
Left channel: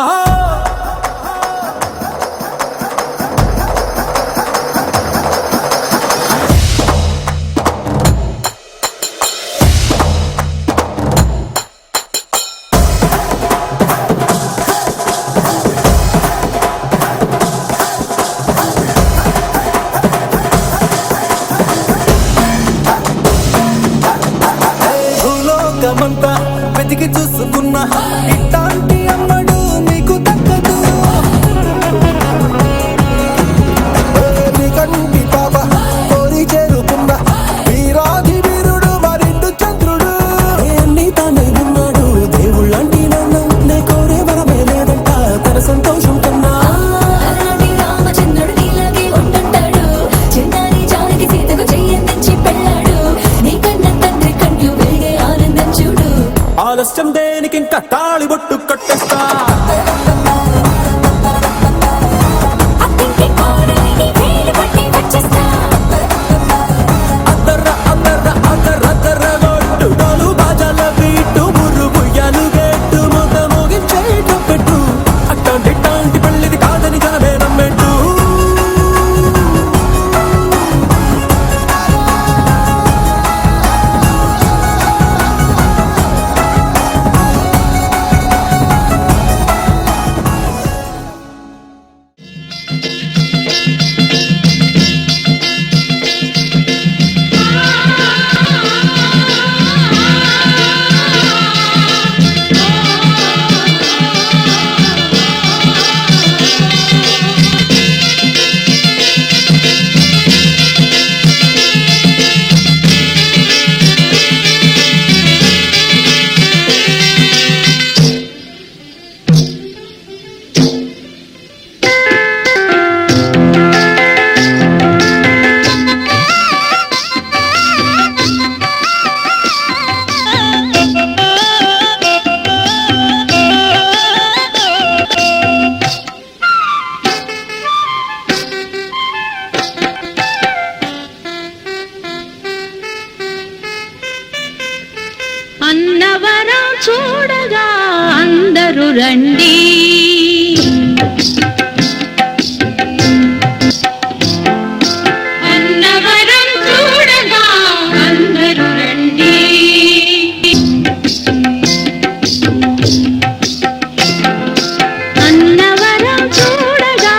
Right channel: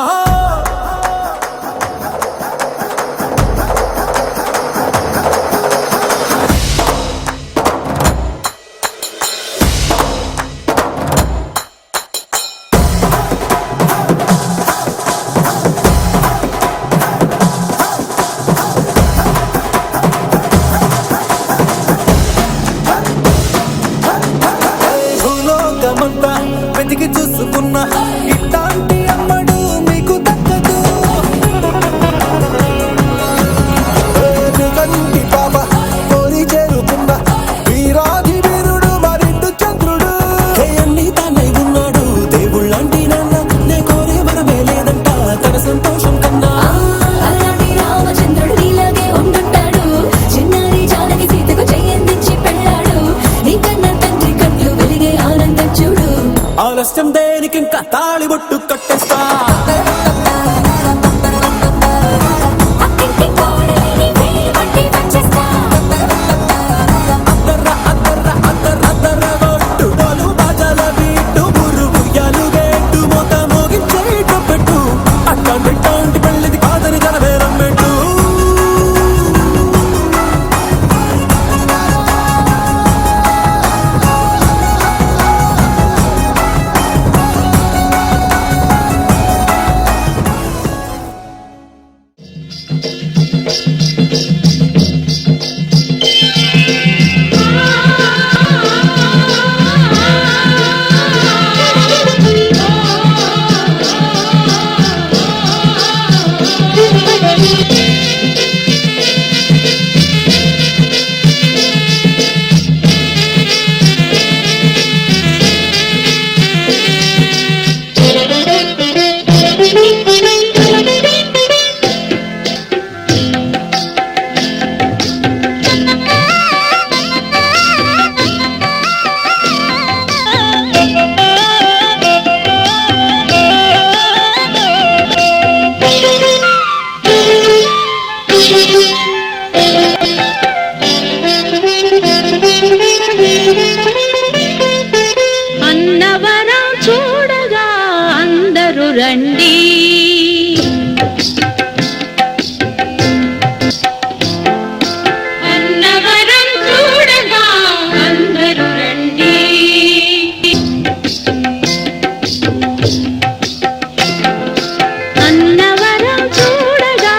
భూలోకమంతా వెతికి చూసుకున్నా ఇట్లాంటి అమ్మడు మీకు దక్కదు కంటి పాప కోరి చేరుకున్న వీరాధి వీరుడు మరిండు చంద్రుడు అన్ని తానై ఉన్నాడు దేవుళ్ళంటి కోరే వరవే లేదంట తన సంతోషం కన్నా అలాంటి రామచంద్రుడు నీలాగే ఉండంటాడు చిన్నారి చాలకి సీతకు చెయ్యందించి పెళ్ళాడు నీ కన్న తండ్రి కంట్లు వెలిగి ఆనందం చూడు ఆలస్యం దేనికి ఇంకా తాళి బొట్టు కట్టేస్తా అత్తింటి కోడలిని వేలు పట్టి వచ్చేస్తా అన్నవరం చూడగా అందరూ రండి అన్నవరం చూడగా అందరూ రండి అన్నవరం చూడగా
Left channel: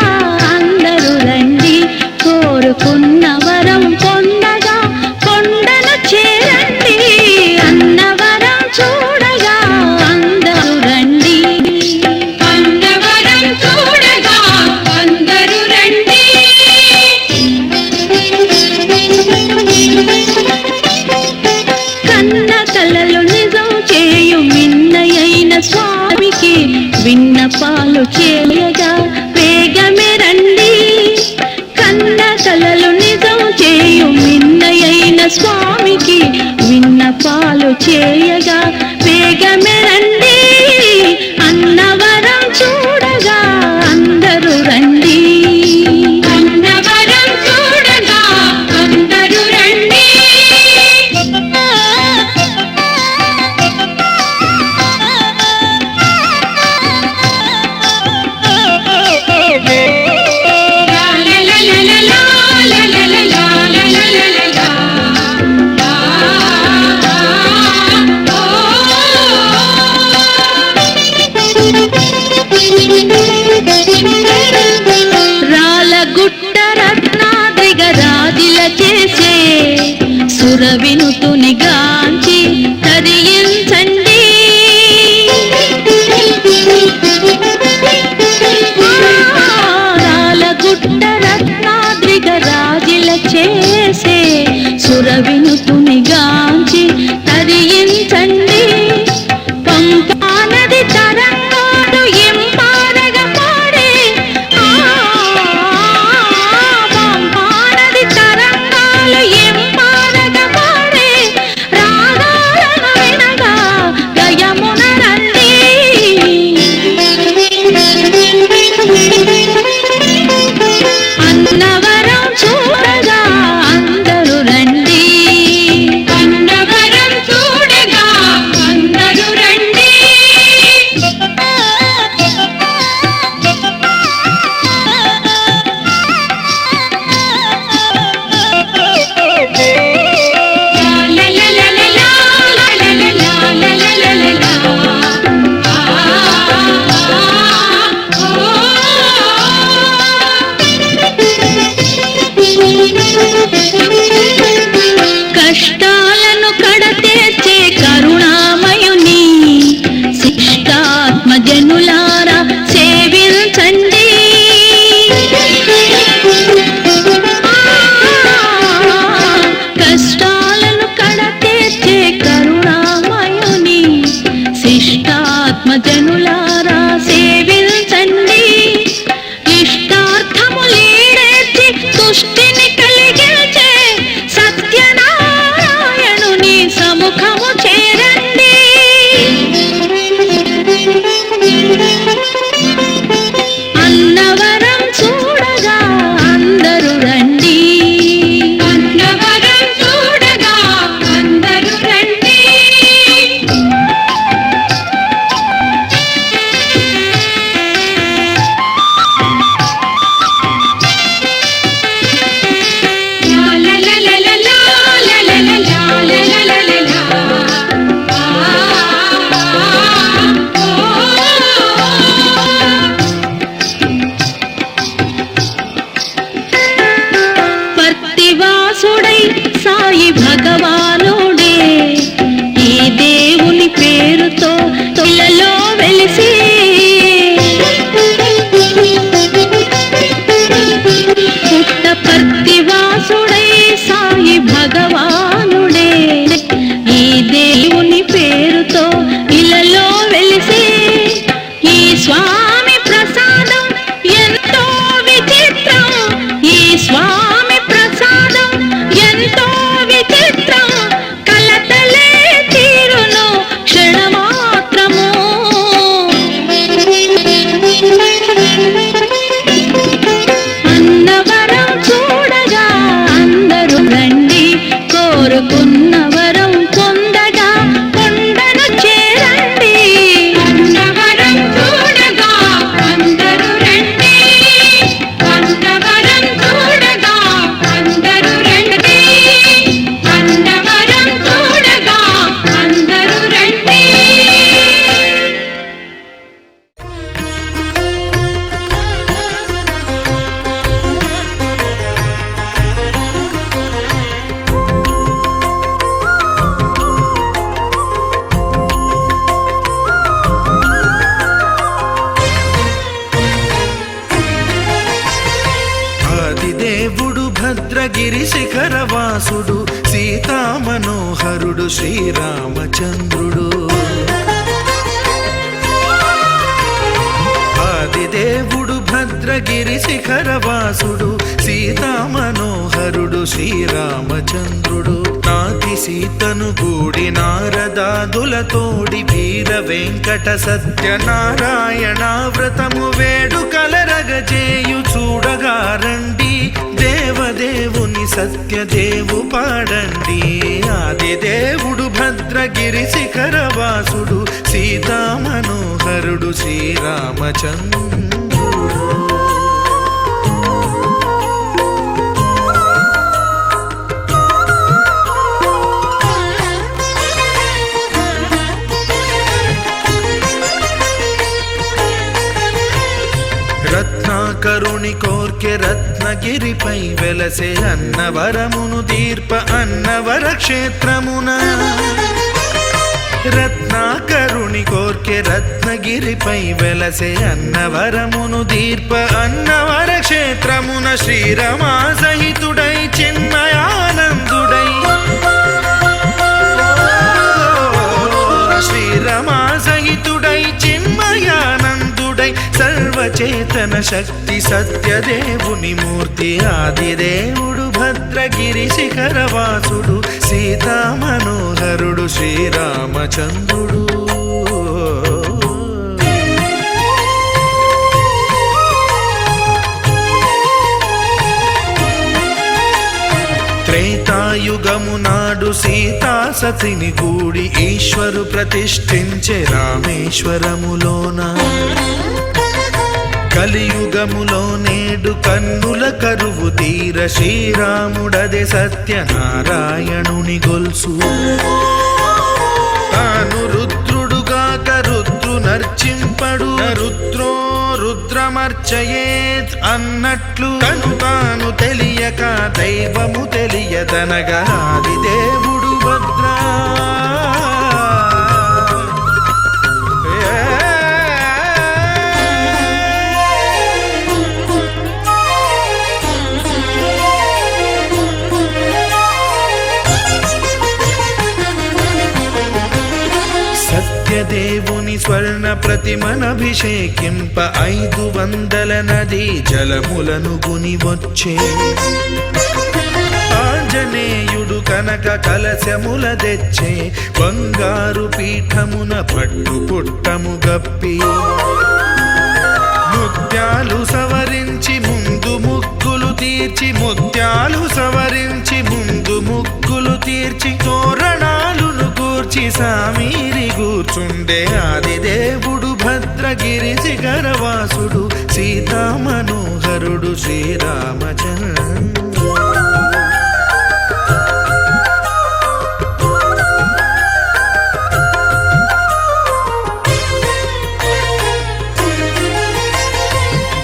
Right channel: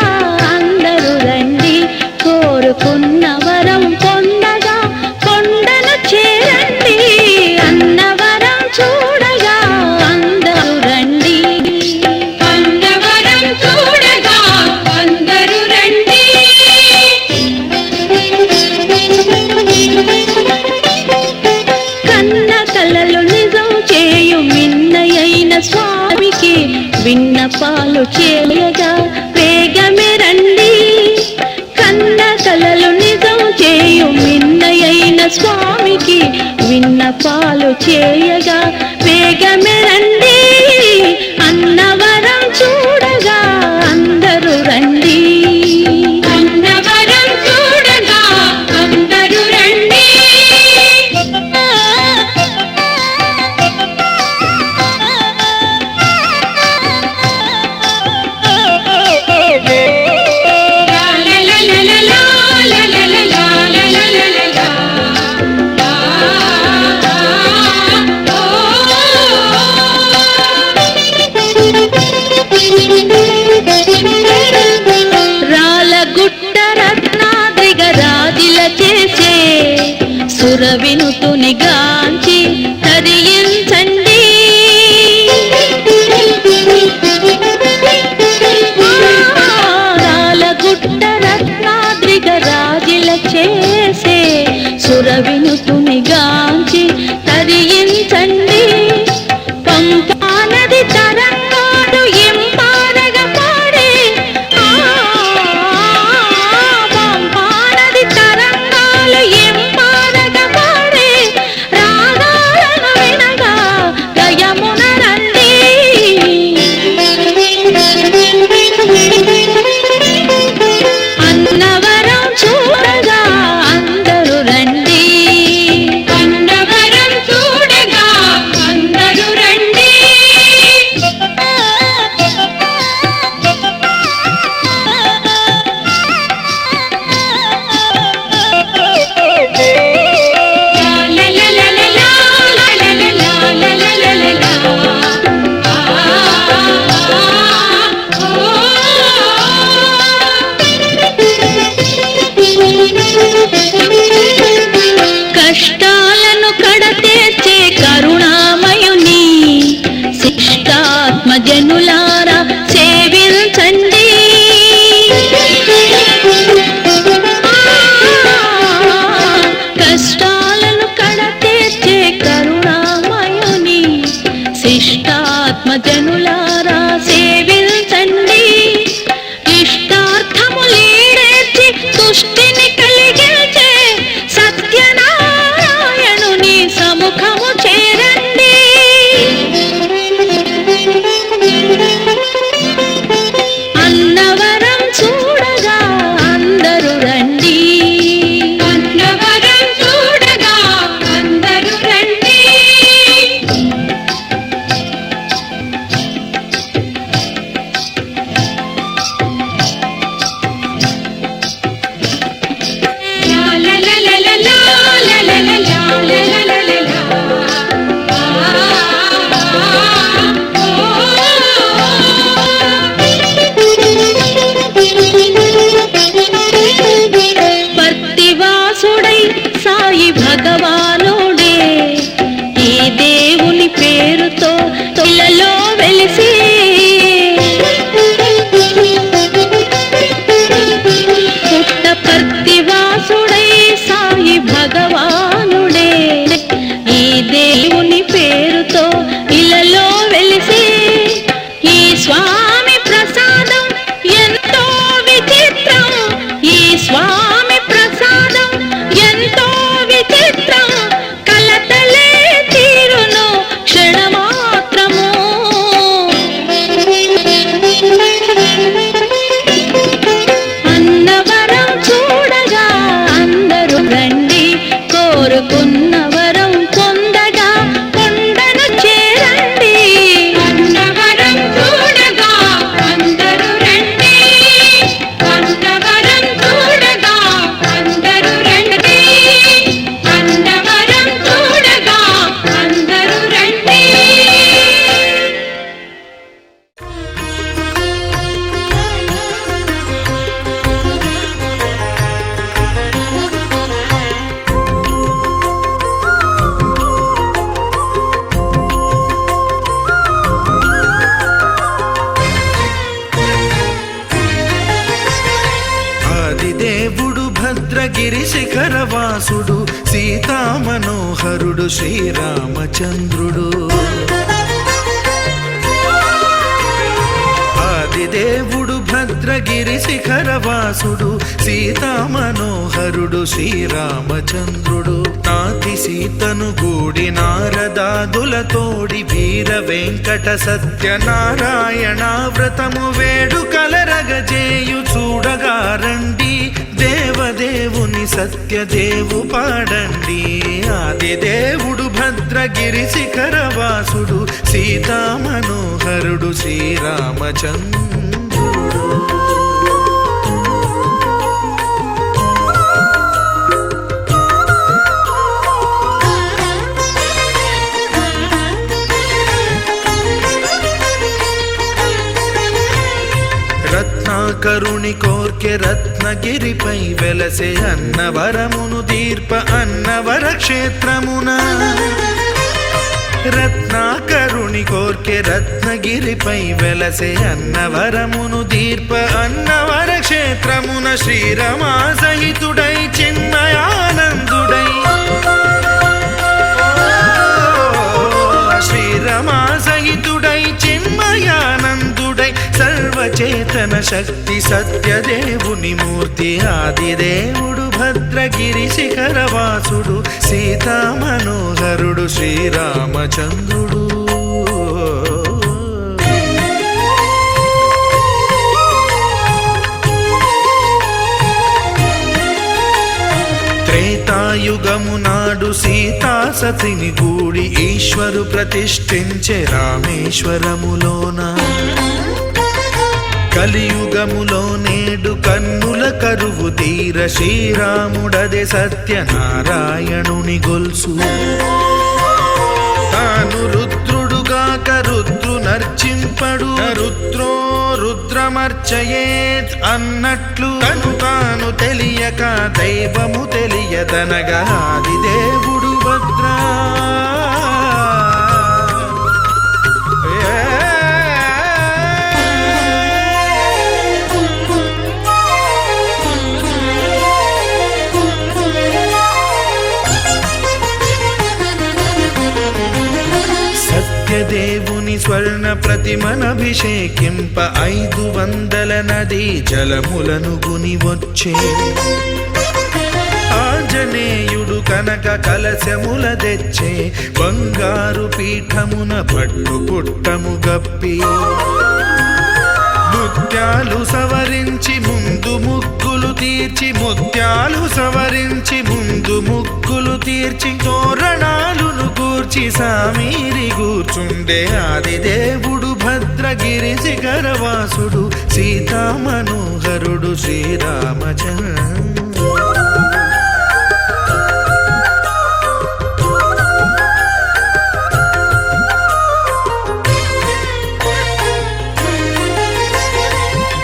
అందరూ రండి కోరుకున్న వరం పొందగా కొండను చేరండి అన్నవరం చూడగా అందరూ రండి అన్నవరం చూడగా అందరూ రండి కన్న కలలు నిజం చేయు మిన్నయైన స్వామికి విన్నపాలు చేయగా వేగమే రండి కన్న కలలు నిజం చేయు మిన్నయైన స్వామికి విన్నపాలు చేయగా వేగమే రండి అన్నవరం చూడగా అందరూ రండి అన్నవరం చూడగా అందరూ రండి రాలగుట్ట రత్నాద్రిగ రాజిల చేసే సురవినుతుని గాంచి తరించండి రాలగుట్ట రత్నాద్రిగ రాజిల చేసే సురవినుతుని గాంచి తరించండి పంపా నది తేజస్సుతో ఇలలో వెలిసి ఈ స్వామి ప్రసాదం ఎంతో విచిత్రం. ఈ స్వామి ప్రసాదం ఎంతో విచిత్రం. కలతలే తీరును క్షణమాత్రము. అన్నవరం చూడగా అందరూ రండి, కోరుకున్న వరం పొందగా కొండను చేరండి. అన్నవరం చూడగా అందరూ రండి, అన్నవరం చూడగా అందరూ రండి, అన్నవరం చూడగా అందరూ రండి. ఆదిదేవుడు భద్రగిరి శిఖరవాసుడు సీతామనోహరుడు శ్రీరామచంద్రుడు. ఆదిదేవుడు భద్రగిరి శిఖరవాసుడు సీతామనోహరుడు శ్రీరామచంద్రుడు. నాతి సీతను గూడి నారదాదులతోడి వీర వెంకట సత్యనారాయణ వ్రతము వేడుకలరగజేయు చూడగా రండి. దేవదేవుని సత్యదేవు పాడండి. ఆదిదేవుడు భద్రగిరి శిఖరవాసుడు సీతామనోహరుడు శ్రీరామచంద్రుడు. రత్నాకరుని కోర్కె రత్నగిరిపై వెలసే అన్నవరమును దీర్ప అన్నవర క్షేత్రమున. రత్నాకరుని కోర్కె రత్నగిరిపై వెలసే అన్నవరమును దీర్ప అన్నవర క్షేత్రమున. శ్రీరమా సహితుడై చిన్మయానందుడై శ్రీరమా సహితుడై చిన్మయానందుడై సర్వచేతన శక్తి సత్యదేవుని మూర్తి. ఆదిదేవుడు భద్రగిరి శిఖరవాసుడు సీతామనోహరుడు శ్రీరామచంద్రుడు. త్రేతాయుగము నాడు సీతా సతిని గూడి ఈశ్వరు ప్రతిష్ఠించే రామేశ్వరములోన. కలియుగములో నేడు కన్నుల కరువు తీర శ్రీరాముడదే సత్యనారాయణుని గొల్సు. తాను రుద్రుడుగాక రుద్రు నర్చింపడు, రుద్రో రుద్రమర్చయేత్ అన్నట్లు తను తాను తెలియక దైవము తెలియదనగా ఆదిదేవుడు భద్రా. సత్యదేవుని స్వర్ణ ప్రతిమనభిషేకింప 500 నదీ జలములను గుని వచ్చే. ఆంజనేయుడు కనక కలశముల తెచ్చే బంగారు పీఠమున పట్టు పుట్టము గప్పి. ముత్యాలు సవరించి ముందు ముగ్గులు తీర్చి, ముత్యాలు సవరించి ముందు ముగ్గులు తీర్చి తోరణాలును కూర్చి సామీరి కూర్చుండే. ఆదిదేవుడు భద్రగిరి శిఖరవాసుడు సీతామనోహరుడు శ్రీరామచంద్రుడు.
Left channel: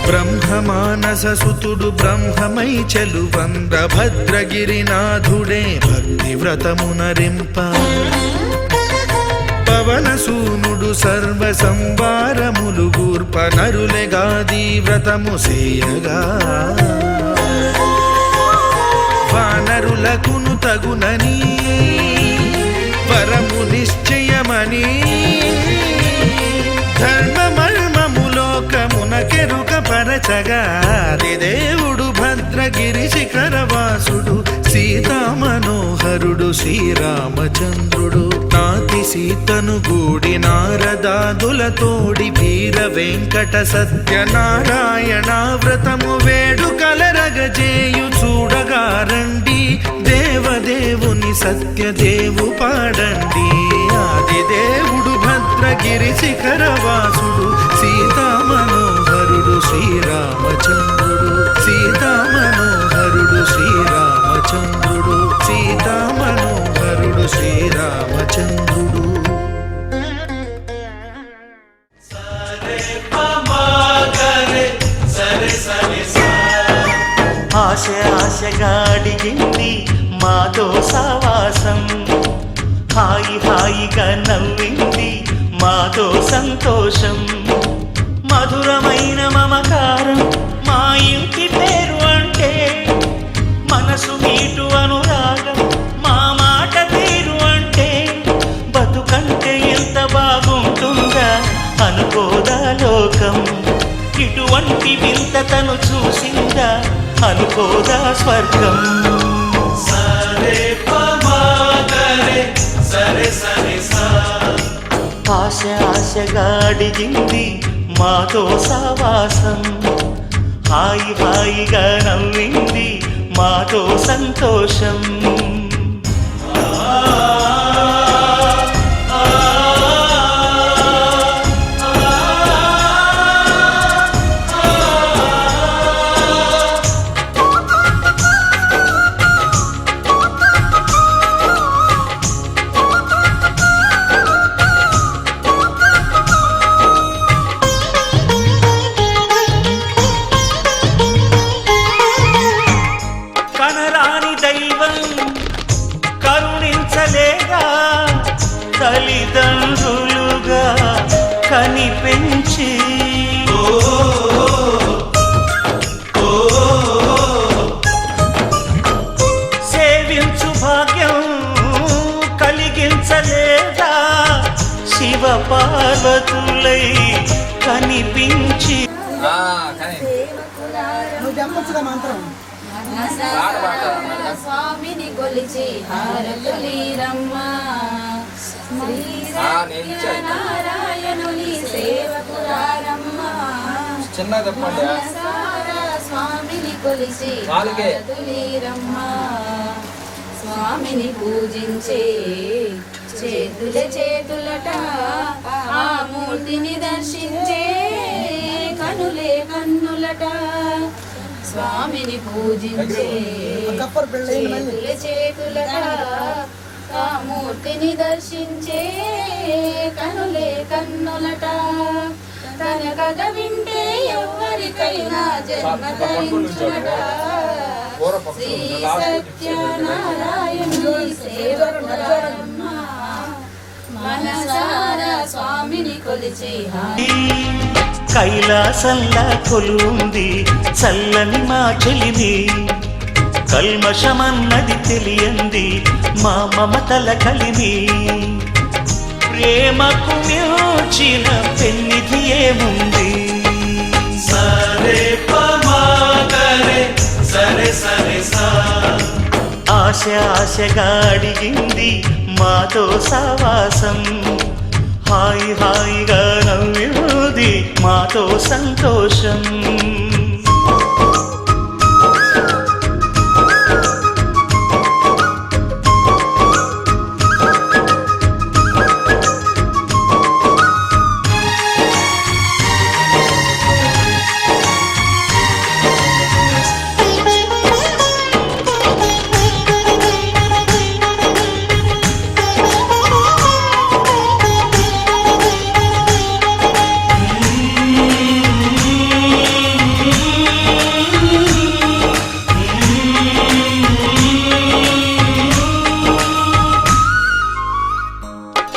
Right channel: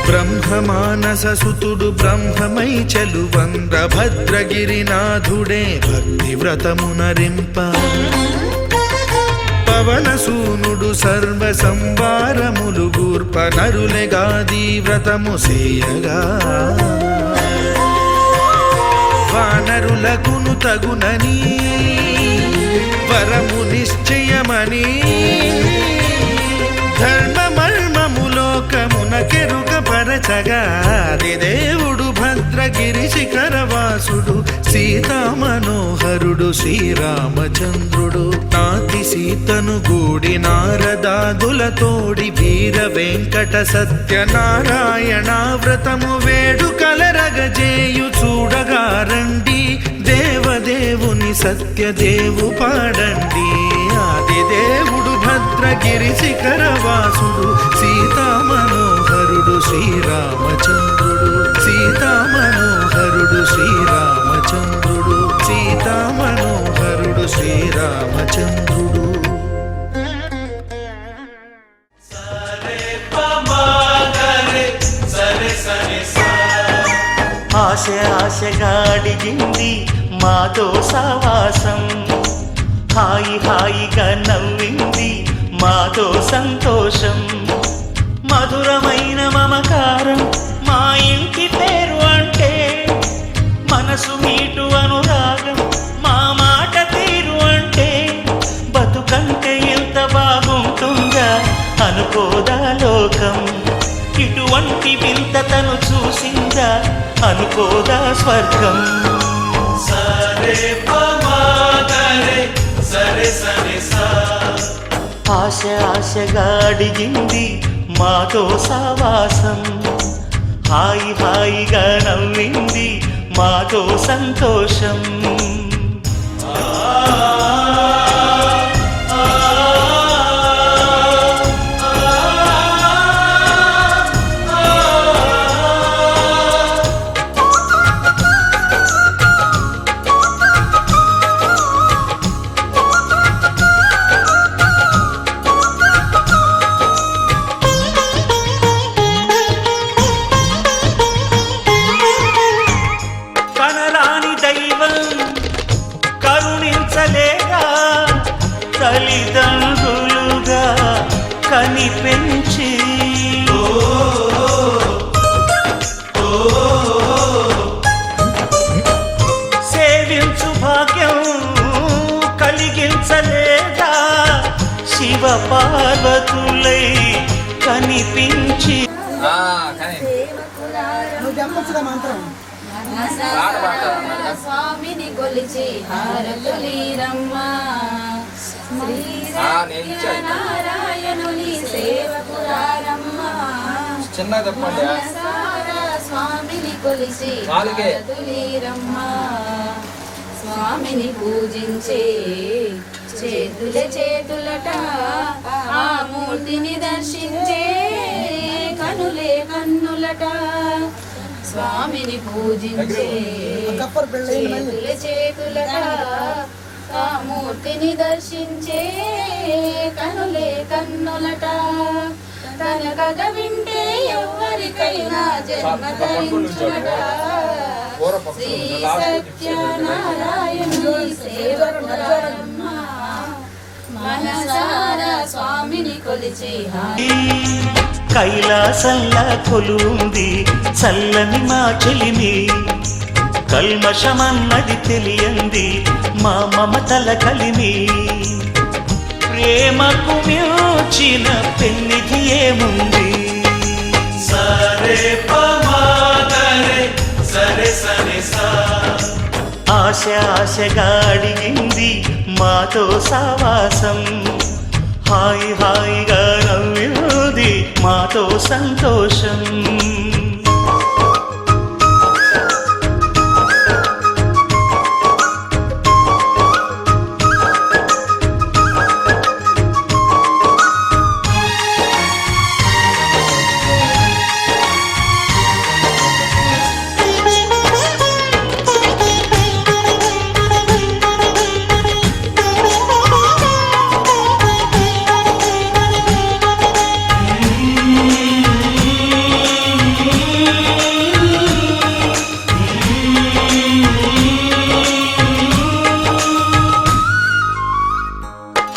బ్రహ్మమానస సుతుడు బ్రహ్మమై చెలువంద్ర భద్రగిరినాథుడే భక్తి వ్రతమునరింప. పవనసూనుడు సర్వ సంవారములు గూర్ప నరులెగాది వ్రతము సేయగా. వానరులకును తగునని వరము నిశ్చయమని ధర్మమర్మములోకమున కెరుక పరచగా దేవుడు భద్రగిరి శిఖరవాసుడు సీతామనోహరుడు శ్రీరామచంద్రుడు నాతి సీతను గూడి నారదాదులతోడి వీర వెంకట సత్యనారాయణ వ్రతము వేడుకలరగజేయు చూడగా రండి దేవదేవుని సత్యదేవు పాడండి ఆదిదేవుడు భద్రగిరి శిఖరవాసుడు సీతామనోహరుడు శ్రీరామచంద్రుడు సీతామనోహరుడు శ్రీరామచంద్రుడు సీతామనోహరుడు శ్రీరామచంద్రుడు ఆశ ఆశగా అడిగింది మాతో సావాసం హాయి హాయిగా నవ్వింది మాతో సంతోషం మధురమైన మమకారం మా ఇంటి పేరు అంటే మనసు మీటు అనురాగం మా మాట తీరు అంటే బతుకంటే ఎంత బాగుంటుందా అనుకోదా లోకం ఇటువంటి వింతతను చూసిందా అనుకోదా స్వర్గం ఆశ ఆశగా అడిగింది మాతో సావాసం హాయి హాయిగా నవ్వింది మాతో సంతోషం కరుణించలేదా తల్లిదండ్రులుగా కనిపెంచి సేవించు భాగ్యం కలిగించలేదా శివ పార్వతులై కనిపించి స్వామిని కొలిచి హారతులీరమ్మా నారాయణుని సేవకురారమ్మా స్వామిని కొలిచి హారతులీరమ్మా స్వామిని పూజించే చేతులట ఆ మూర్తిని దర్శించే కనులే కన్నులట స్వామిని పూజించే చేతులట ఆ మూర్తిని దర్శించే కనులే కన్నులట తన కథ వింటే ఎవరికైనా జన్మ ధరించునట శ్రీ సత్యనారాయణుని సేవకురారమ్మ మనసారా స్వామిని కొలిచే కైలాసంలా కొలుంది చల్లని మా చెలిమి కల్మషమన్నది తెలియంది మా మమతల కలిమి ప్రేమకు మించిన పెన్నిధి ఏముంది సరే పమాగరే సరే సరే సా ఆశ ఆశగా అడిగింది మాతో సావాసం హాయి హాయిగా నవ్వింది మాతో సంతోషం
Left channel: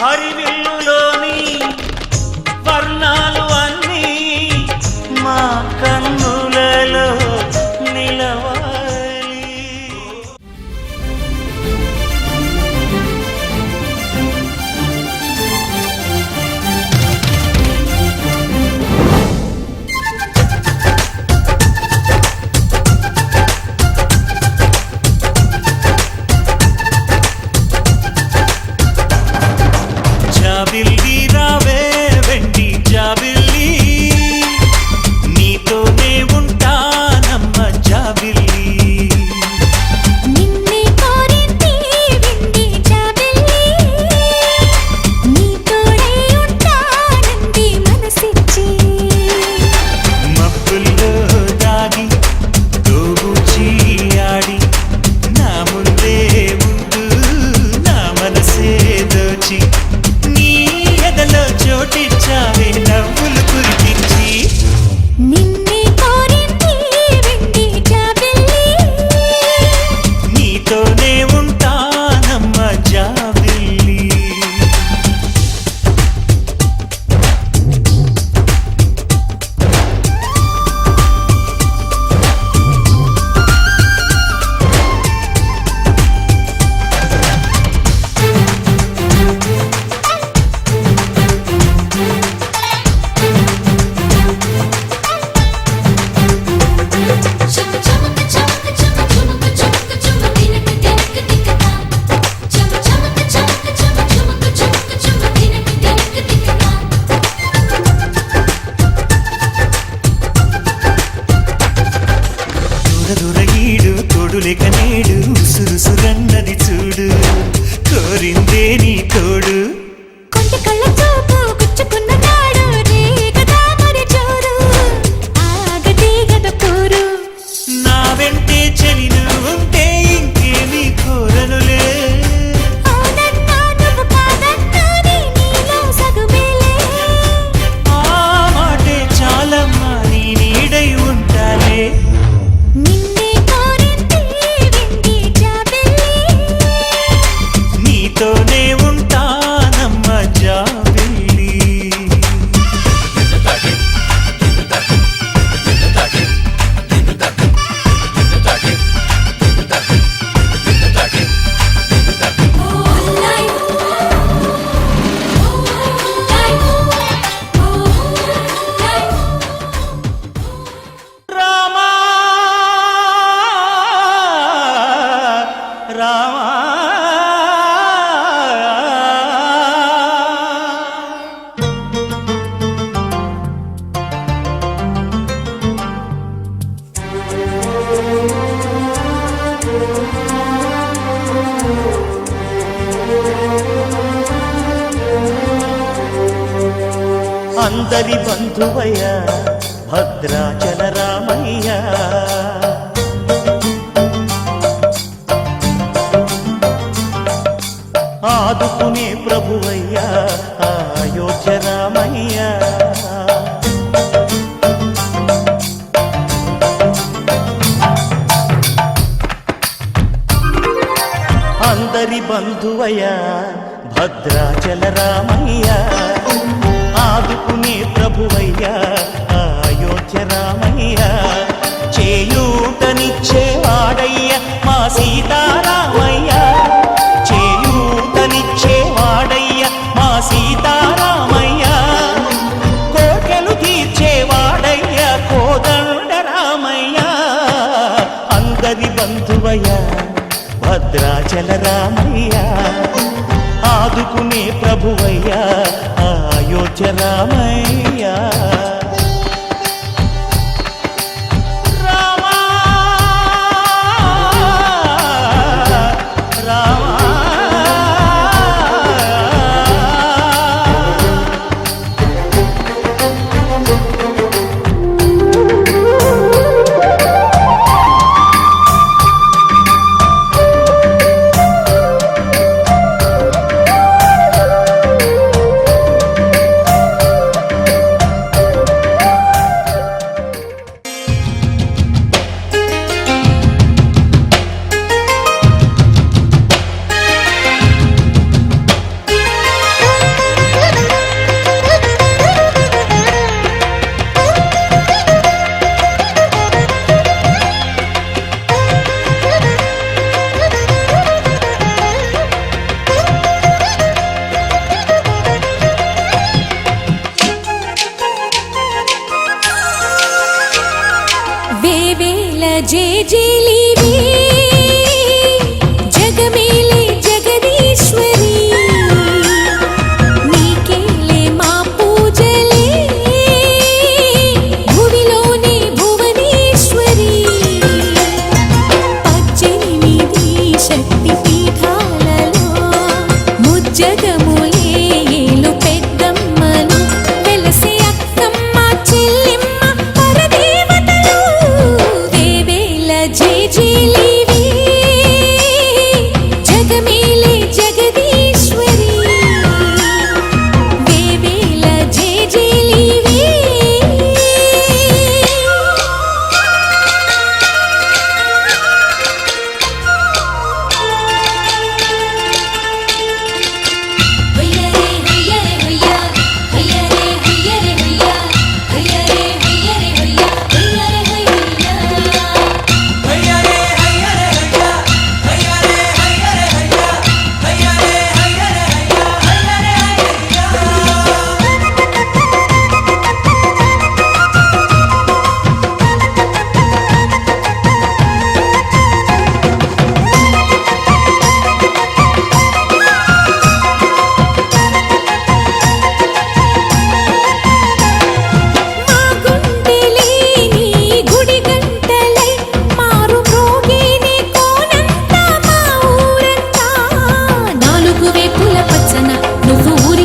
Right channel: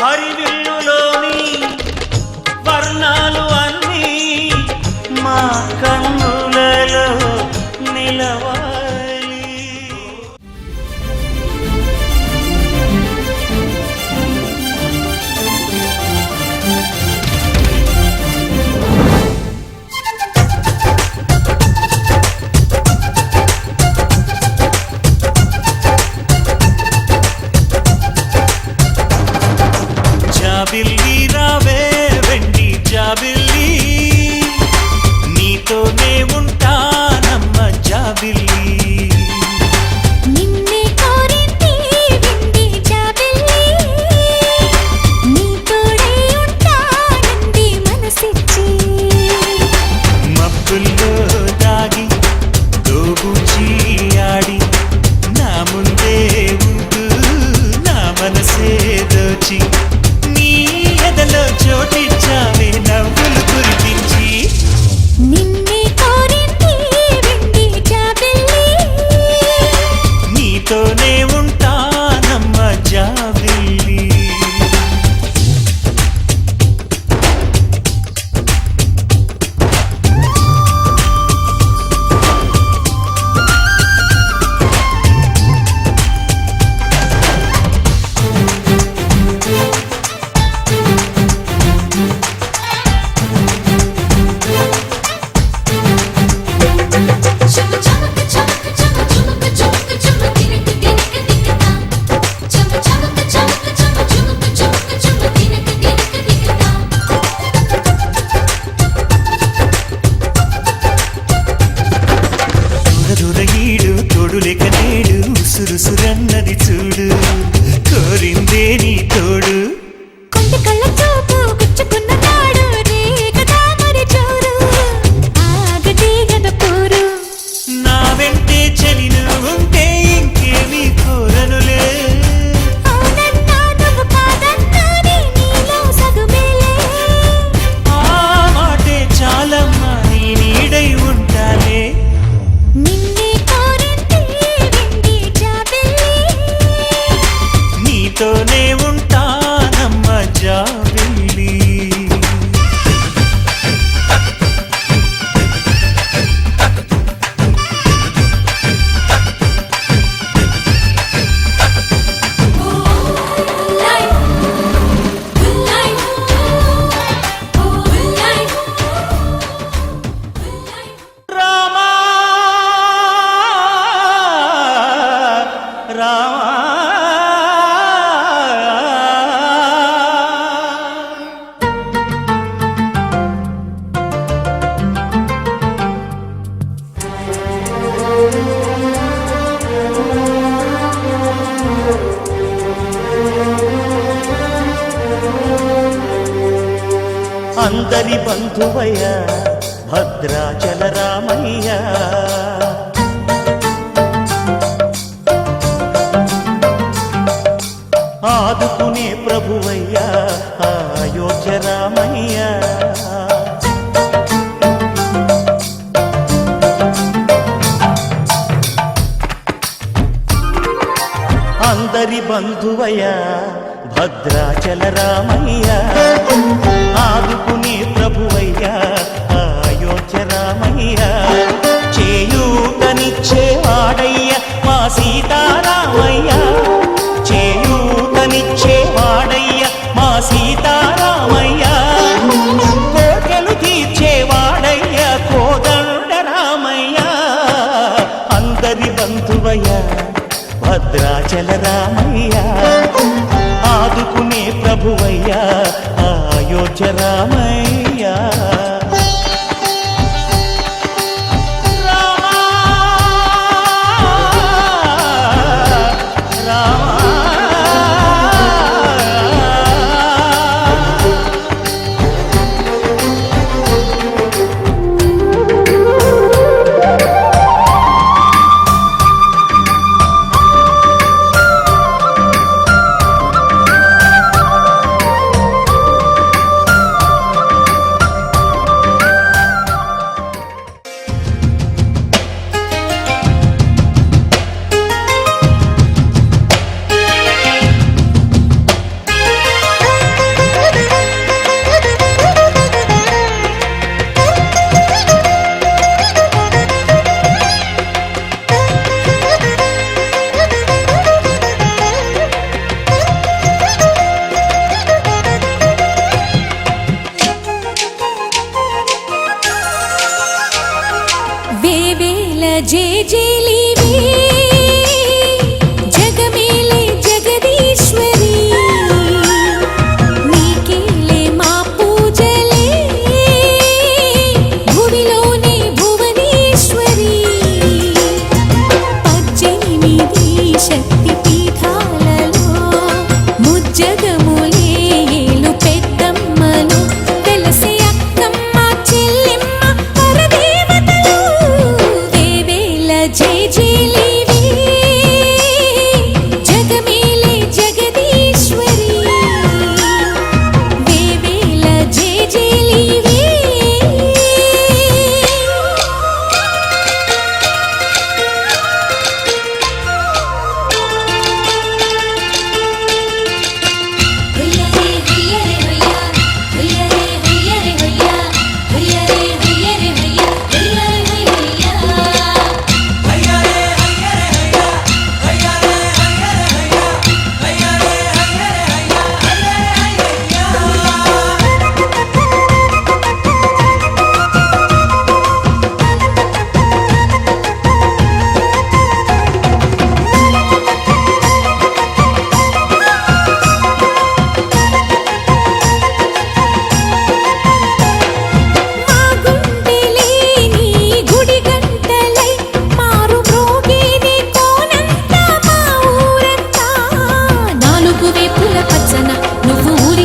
హరివిల్లులోని వర్ణాలు అన్నీ మా కన్నులలో నిలవాలి జాబిల్లి రావే వెండి జాబిల్లి నీతోనే ఉంటానమ్మ జాబిల్లి నిన్నే కోరింది విండి జాబిల్లి నీ తోడై ఉంటానంది మనసిచ్చి మబ్బుల్లో దాగి దోబూచి ఆడి నా ముందే ఉంటూ నా మనసే దోచి నీ ఎదలో చోటిచ్చావే నవ్వులు కురిపించి నిన్నే కోరింది విండి జాబిల్లి నీతోనే ఉంటానమ్మ జాబిల్లి చమ చమక చమక చమ చమక చమక చమ తినక తినక తినక చమ చమక చమక చమ చమక చమక చమ తినక తినక తినక దూర దూర ఈడు తోడులేక నేడు ఉసురుసురన్నది చూడు కోరిందే నీ తోడు కొంటి కళ్ళ చూపు గుచ్చుకున్న నాడు రేగదా మరి జోరు ఆగది గద పోరు నా వెంటే చెలిను ఉంటే ఇంకేమీ కోరనులే అవునన్నా నువ్వు కాదన్నా నీలో సగుమేలే ఆ మాటే చాలమ్మా నీ నీడై ఉంటాలే నిన్నే కోరింది విండి జాబిల్లి నీతోనే ఉంటానమ్మ జాబిల్లి రామా రామా అందరి బంధువయ్య భద్రాచల రామయ్య ఆదుకునే ప్రభువయ్య అయోధ్య రామయ్య అందరి బంధువయ్య భద్రాచల రామయ్య ఆదుకునే ప్రభువయ్య అయోధ్య రామయ్య చేయూతనిచ్చేవాడయ్య మా సీతారామయ్య చేయూతనిచ్చేవాడయ్య మా సీతారామయ్య కోటలు తీర్చేవాడయ్య కోదండ రామయ్య అందరి బంధువయ్య భద్రాచల రామయ్య ఆదుకునే ప్రభువయ్య అయోధ్య రామయ్య రామా రామా జేజేలివే జగమేలే జగదీశ్వరి నీ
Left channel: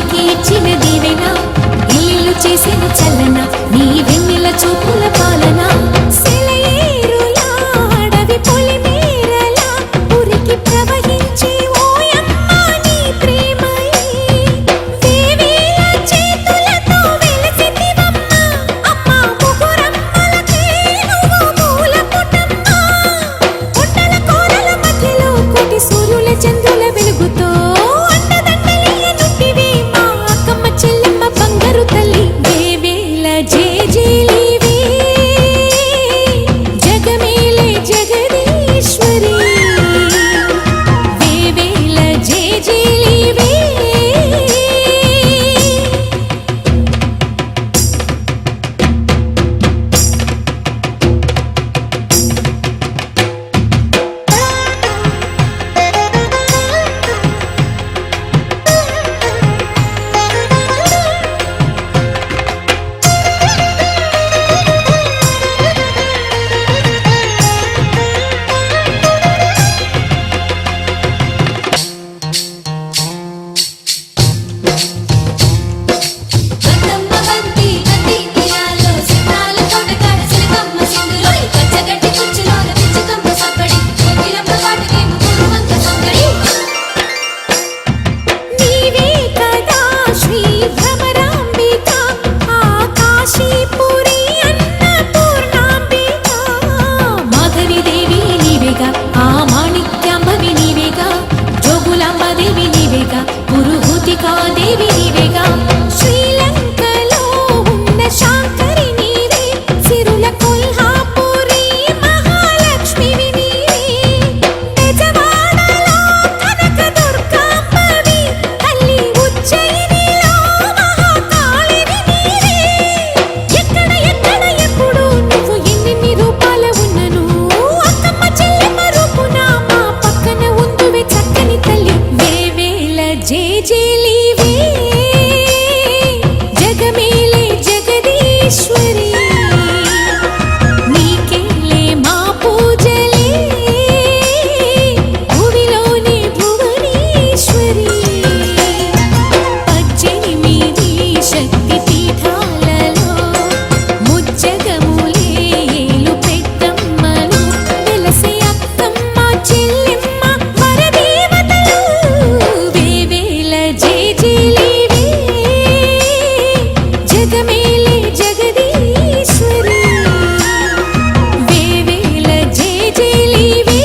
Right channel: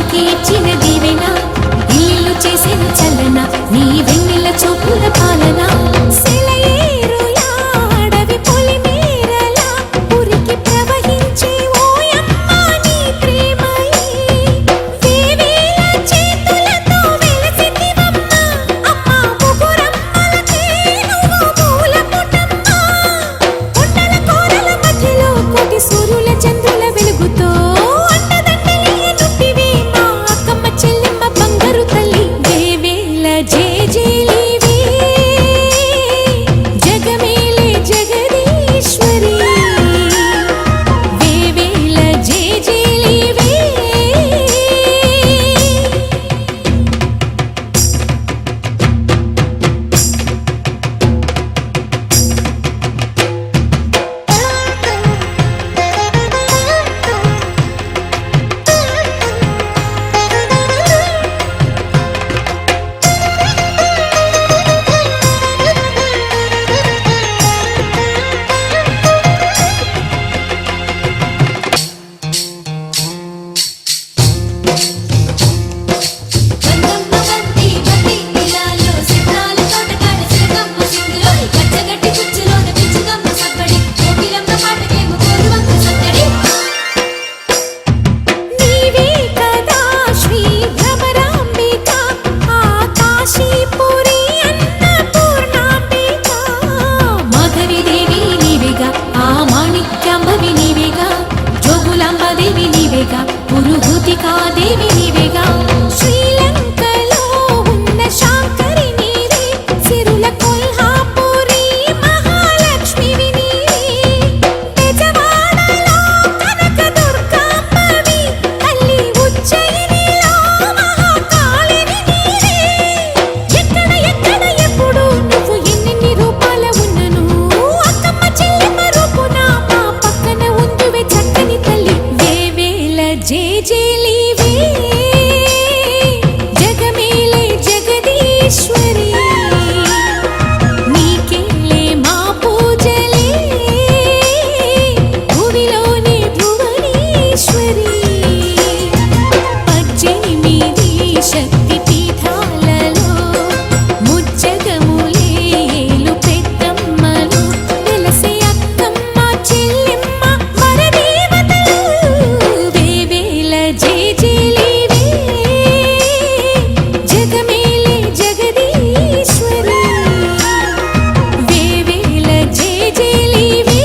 వారికి ఇచ్చిన దీవెన ఇల్లు చేసెను చల్లన నీ వెన్నెల చూపుల పాలన సెలయేరులా అడవి పొలిమేరలా ఉరికి ప్రవహించి ఓయమ్మ నీ ప్రేమయే వేవేల చేతులతో వెలసితివమ్మ అమ్మ ముగురమ్మలకే నువ్వు మూలపుటమ్మ కొండల కోరల మధ్యలో కోటి సూర్యుల చంద్రుల వెలుగుతో అండదండలియనుంటివి మా అక్కమ్మ చెల్లెమ్మ బంగారు తల్లి వేవేల జేజేలివే జగమేలే జగదీశ్వరి వేవేల జేజేలివే బందమ్మ బంతి బంతి ఇయాలో సితాల తోటకాడ సిలకమ్మ సింగులోయ్ పచ్చగడ్డి కుచ్చులోన పిచ్చికమ్మ సబ్బడి కోకిలమ్మ పాటకే ముగ్గురువంక సత్తడి నీవే కదా శ్రీ భ్రమరాంబిక ఆకాశీపురి అన్నపూర్ణాంబిక మాధవి దేవి నీవేగా ఆ మాణిక్యాంబవి నీవేగా జోగులాంబ దేవి నీవేగా పురుహూతికా దేవి నీవేగా శ్రీలంకలో ఉన్న శాంకరి నీవే సిరుల కొల్హాపురి మహాలక్ష్మివి నీవే బెజవాడలో కనక దుర్గాంబవి తల్లి ఉజ్జయినిలో మహాకాళిని నీవే ఎక్కడ ఎక్కడ ఎప్పుడు నువ్వు ఎన్నెన్ని రూపాల ఉన్నను అక్కమ్మ చెల్లెమ్మ రూపున మా పక్కన ఉందువే చక్కని తల్లి వేవేల జేజేలివే జగమేలే జగదీశ్వరి నీకేలే మా పూజలే భువిలోని భువనేశ్వరి 18 శక్తి పీఠాలలో ముజ్జగములే ఏలు పెద్దమ్మలు వెలసే అక్కమ్మ చెల్లెమ్మ వరదేవతలు వేవేల జేజేలివే జగమేలే జగదీశ్వరి వేవేల జేజేలివే